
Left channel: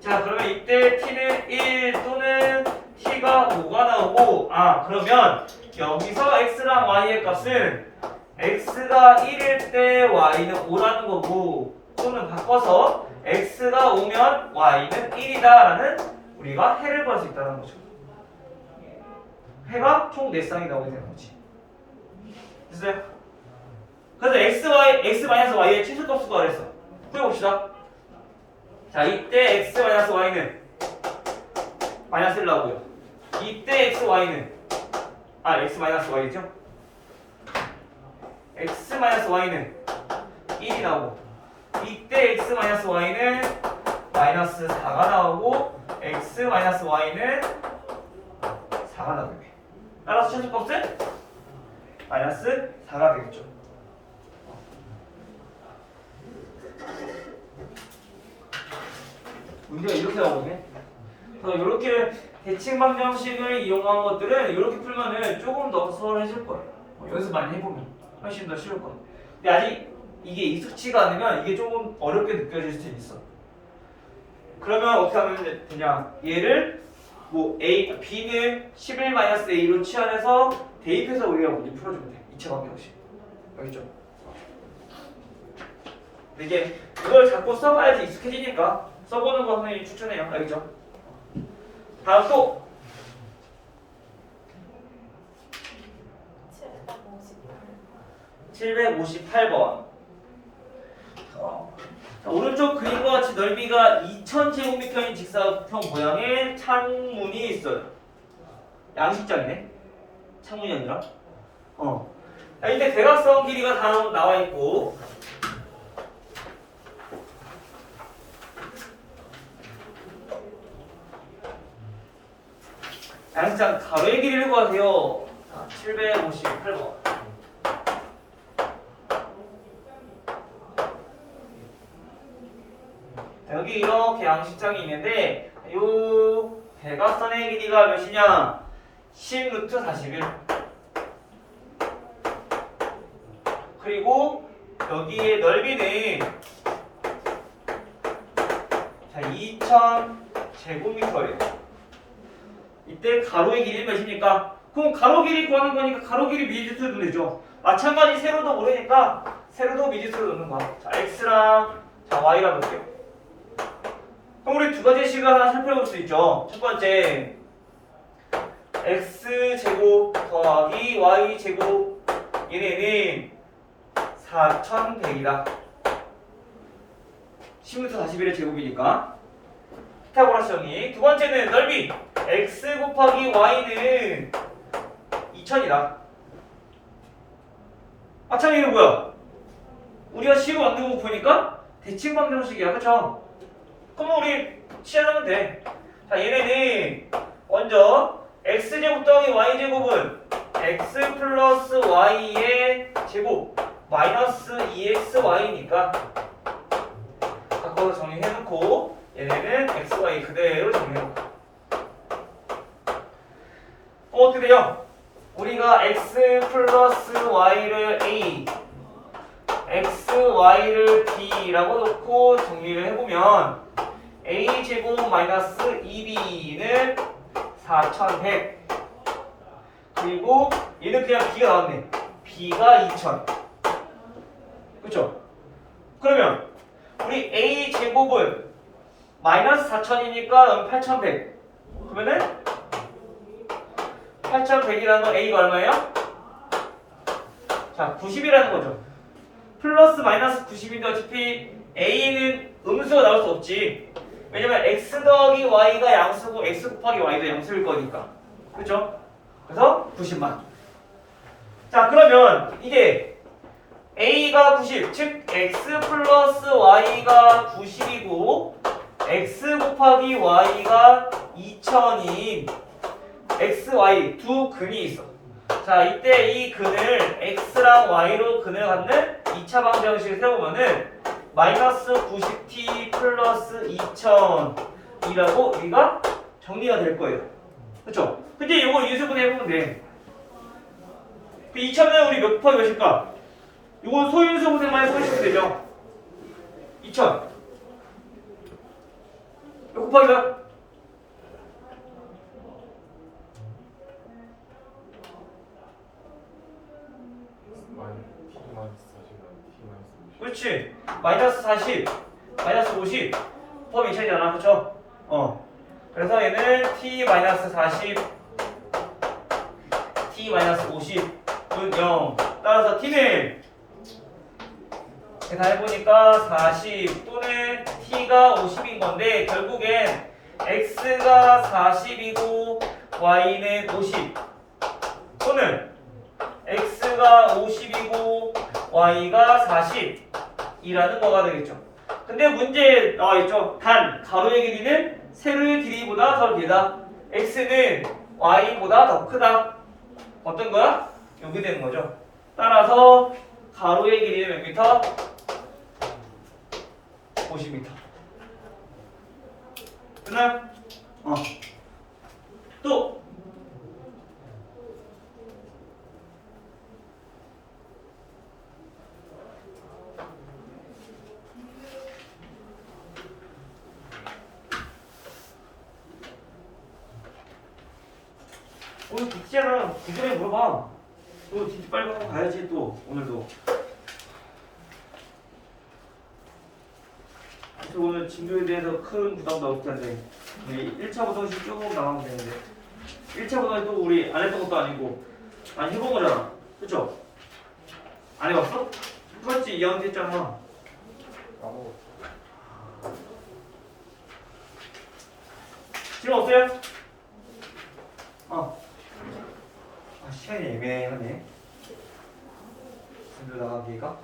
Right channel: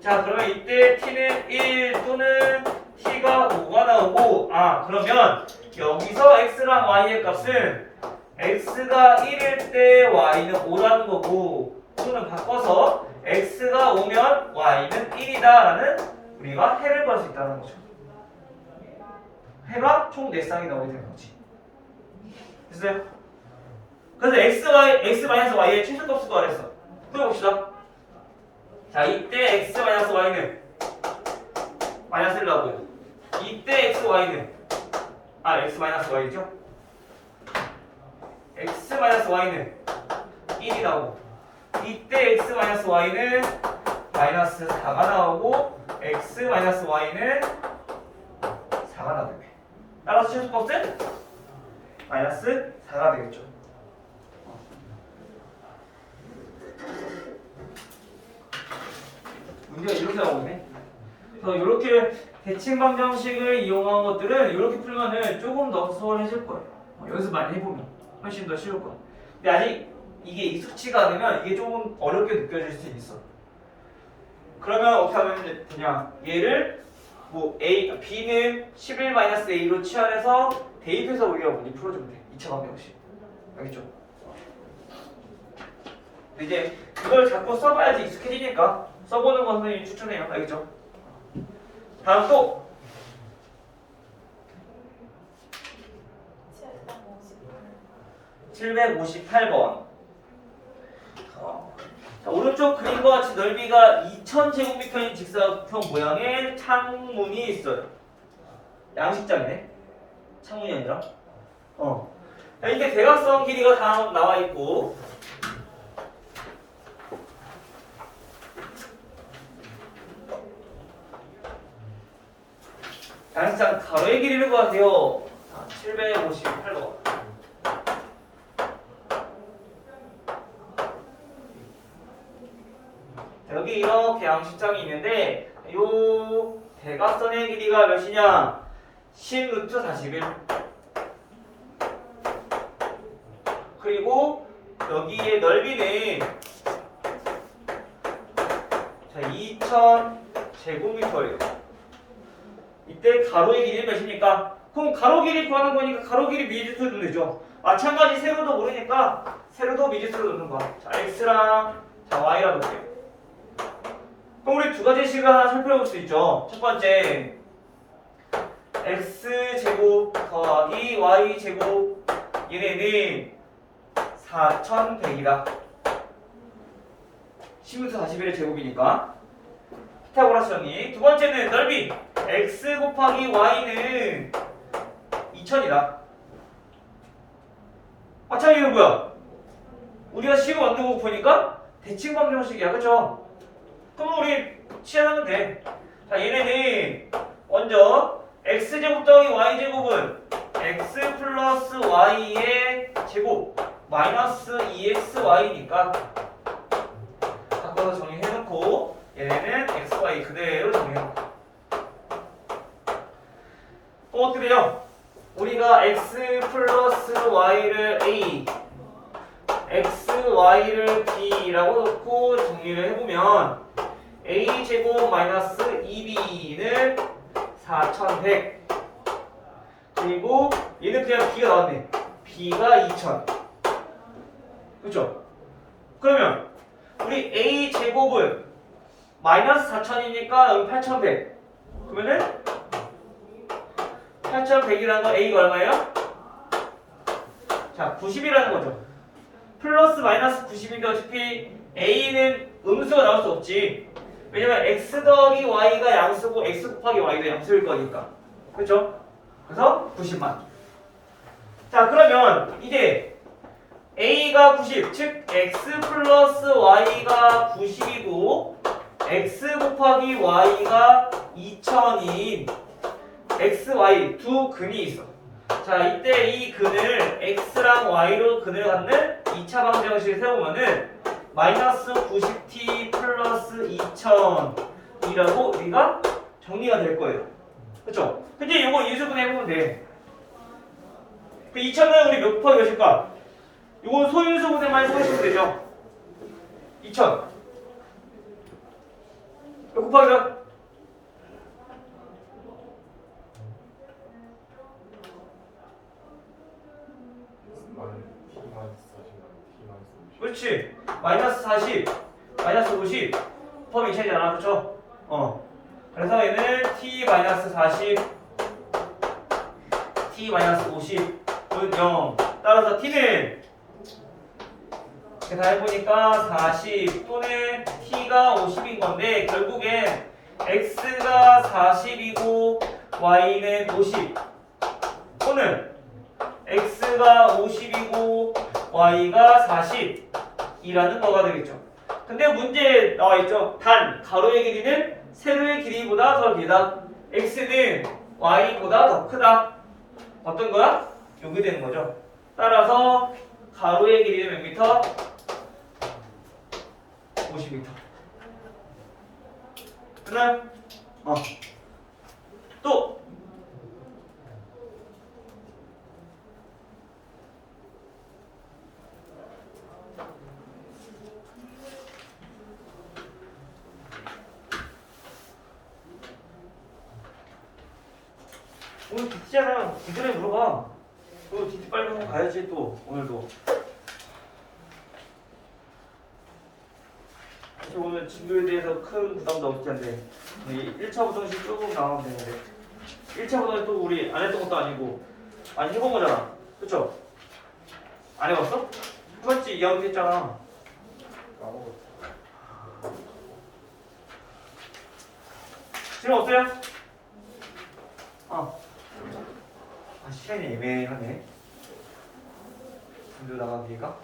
자 그러면 이때 t는 1 또는 t가 5가 나오고 그러면 여기서 x랑 y의 값은 x가 1일 때 y는 5라는 거고 또는 바꿔서 x가 5면 y는 1이다 라는 우리가 해를 구할 수 있다는 거죠. 해가 총 4쌍이 나오게 되는 거지. 됐어요? 그래서 x-y의 최소값을 구하랬어. 풀어봅시다. 자, 이때 x-y는 마이너스 1 나오고요. 이때 x-y는 x-y죠? x-y는 1이 나오고 이때 x-y는 마이너스 4가 나오고 x-y는 4가 나오게. 따라서 최소값은 마이너스 4가 되겠죠. 문제가 이렇게 나오네. 그래서 이렇게 대칭 방정식을 이용한 것들은 이렇게 풀면은 조금 더 수월해질 거예요. 연습 많이 해보면 훨씬 더 쉬울 거야. 근데 아직 이게 익숙치가 않으면 이게 조금 어렵게 느껴질 수 있어. 그러면 어떻게 하면 되냐? 얘를 B는 11-A로 치환해서 대입해서 우리가 풀어주면 돼. 2차 방정식. 알겠죠? 이제 이걸 자꾸 써봐야지 익숙해지니까 써보는 거 선생님이 추천해요. 알겠죠? 다음 또 758번. 오른쪽 그림과 같이 넓이가 2000제곱미터인 직사각형 모양의 창문이 있어요. 양식장이네. 창문이 아니라. 자, 이때 대각선 길이가 다음 나와 있고 양식장 가로의 길이를 구하세요. 758번. 여기 이렇게 양식장이 있는데 요 대각선의 길이가 몇이냐? 10루트 41. 그리고 여기의 넓이는 2000제곱미터예요. 이때 가로의 길이 몇입니까? 그럼 가로 길이 구하는 거니까 가로 길이 미지수를 넣으면 되죠. 마찬가지 세로도 모르니까 세로도 미지수를 넣는 거야. 자, x랑 y랑 넣을게요. 그럼 우리 두 가지 식을 하나 살펴볼 수 있죠. 첫 번째 x제곱 더하기 y제곱 얘네는 4100이다. 10루트 41의 제곱이니까 피타고라스 정리. 두 번째는 넓이 x 곱하기 y는 2000이다. 마찬가지로 뭐야? 우리가 식을 만들고 보니까 대칭 방정식이야. 그쵸? 그럼 우리 시작하면 돼. 자, 얘네는 먼저 x제곱 더하기 y제곱은 x 플러스 y의 제곱 마이너스 2xy니까 바꿔서 정리해놓고 얘네는 xy 그대로 정리해놓고 그래요. 우리가 x 플러스 y를 a xy를 b라고 놓고 정리를 해보면 a제곱 마이너스 2b는 4100 그리고 얘는 그냥 b가 나왔네. b가 2000. 그쵸? 그러면 우리 a제곱은 마이너스 4000이니까 8100. 그러면은 8100이라는 건 a가 얼마예요? 자, 90이라는 거죠. 플러스 마이너스 90인데 어차피 a는 음수가 나올 수 없지. 왜냐면 x 더하기 y가 양수고 x 곱하기 y도 양수일 거니까. 그렇죠? 그래서 90만. 자, 그러면 이게 A가 90, 즉 X 플러스 Y가 90이고 X 곱하기 Y가 2000인 X, Y 두 근이 있어. 자, 이때 이 근을 X랑 Y로 근을 갖는 2차 방정식을 세우면은 마이너스 90t 플러스 2000이라고 우리가 정리가 될 거예요. 그렇죠? 근데 이거 인수분해 해보면 돼. 그 2000은 우리 몇 곱하기 몇일까? 이거 소인수분해만 해보시면 되죠. 2000 몇 곱하기 몇? 그렇지. 마이너스 40, 마이너스 50 곱하기 2000이잖아. 그쵸? 그래서 얘는 t 마이너스 40, t 마이너스 50은 0. 따라서 t는 계산해보니까 40 또는 t가 50인 건데 결국엔 x가 40이고 y는 50 또는 x가 50이고 y가 40이라는 거가 되겠죠. 근데 문제에 나와있죠. 단 가로의 길이는 세로의 길이보다 더 길다. x는 y보다 더 크다. 어떤 거야? 여기 되는 거죠. 따라서 가로의 길이는 몇 미터? 50m. 됐나요? 또 오늘 DT잖아. 그 전에 물어봐. 또 DT 빨리 한번 가야지 또 오늘도. 그래서 오늘 진도에 대해서 큰 부담도 없지 않은데 1차 부동식 조금 나오면 되는데 1차 부동식 또 우리 안 했던 것도 아니고 아니 해본 거잖아. 그쵸? 안 해봤어? 해봤지. 2학년 때 했잖아. 질문 없어요? 시간이 애매하네. 진도 나가기가.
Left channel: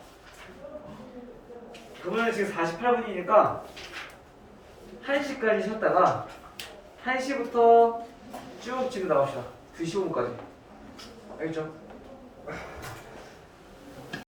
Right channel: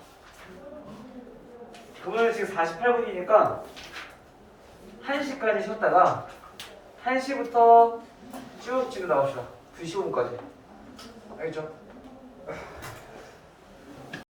그러면 지금 48분이니까 1시까지 쉬었다가 1시부터 쭉 집에 나갑시다. 2시 5분까지. 알겠죠?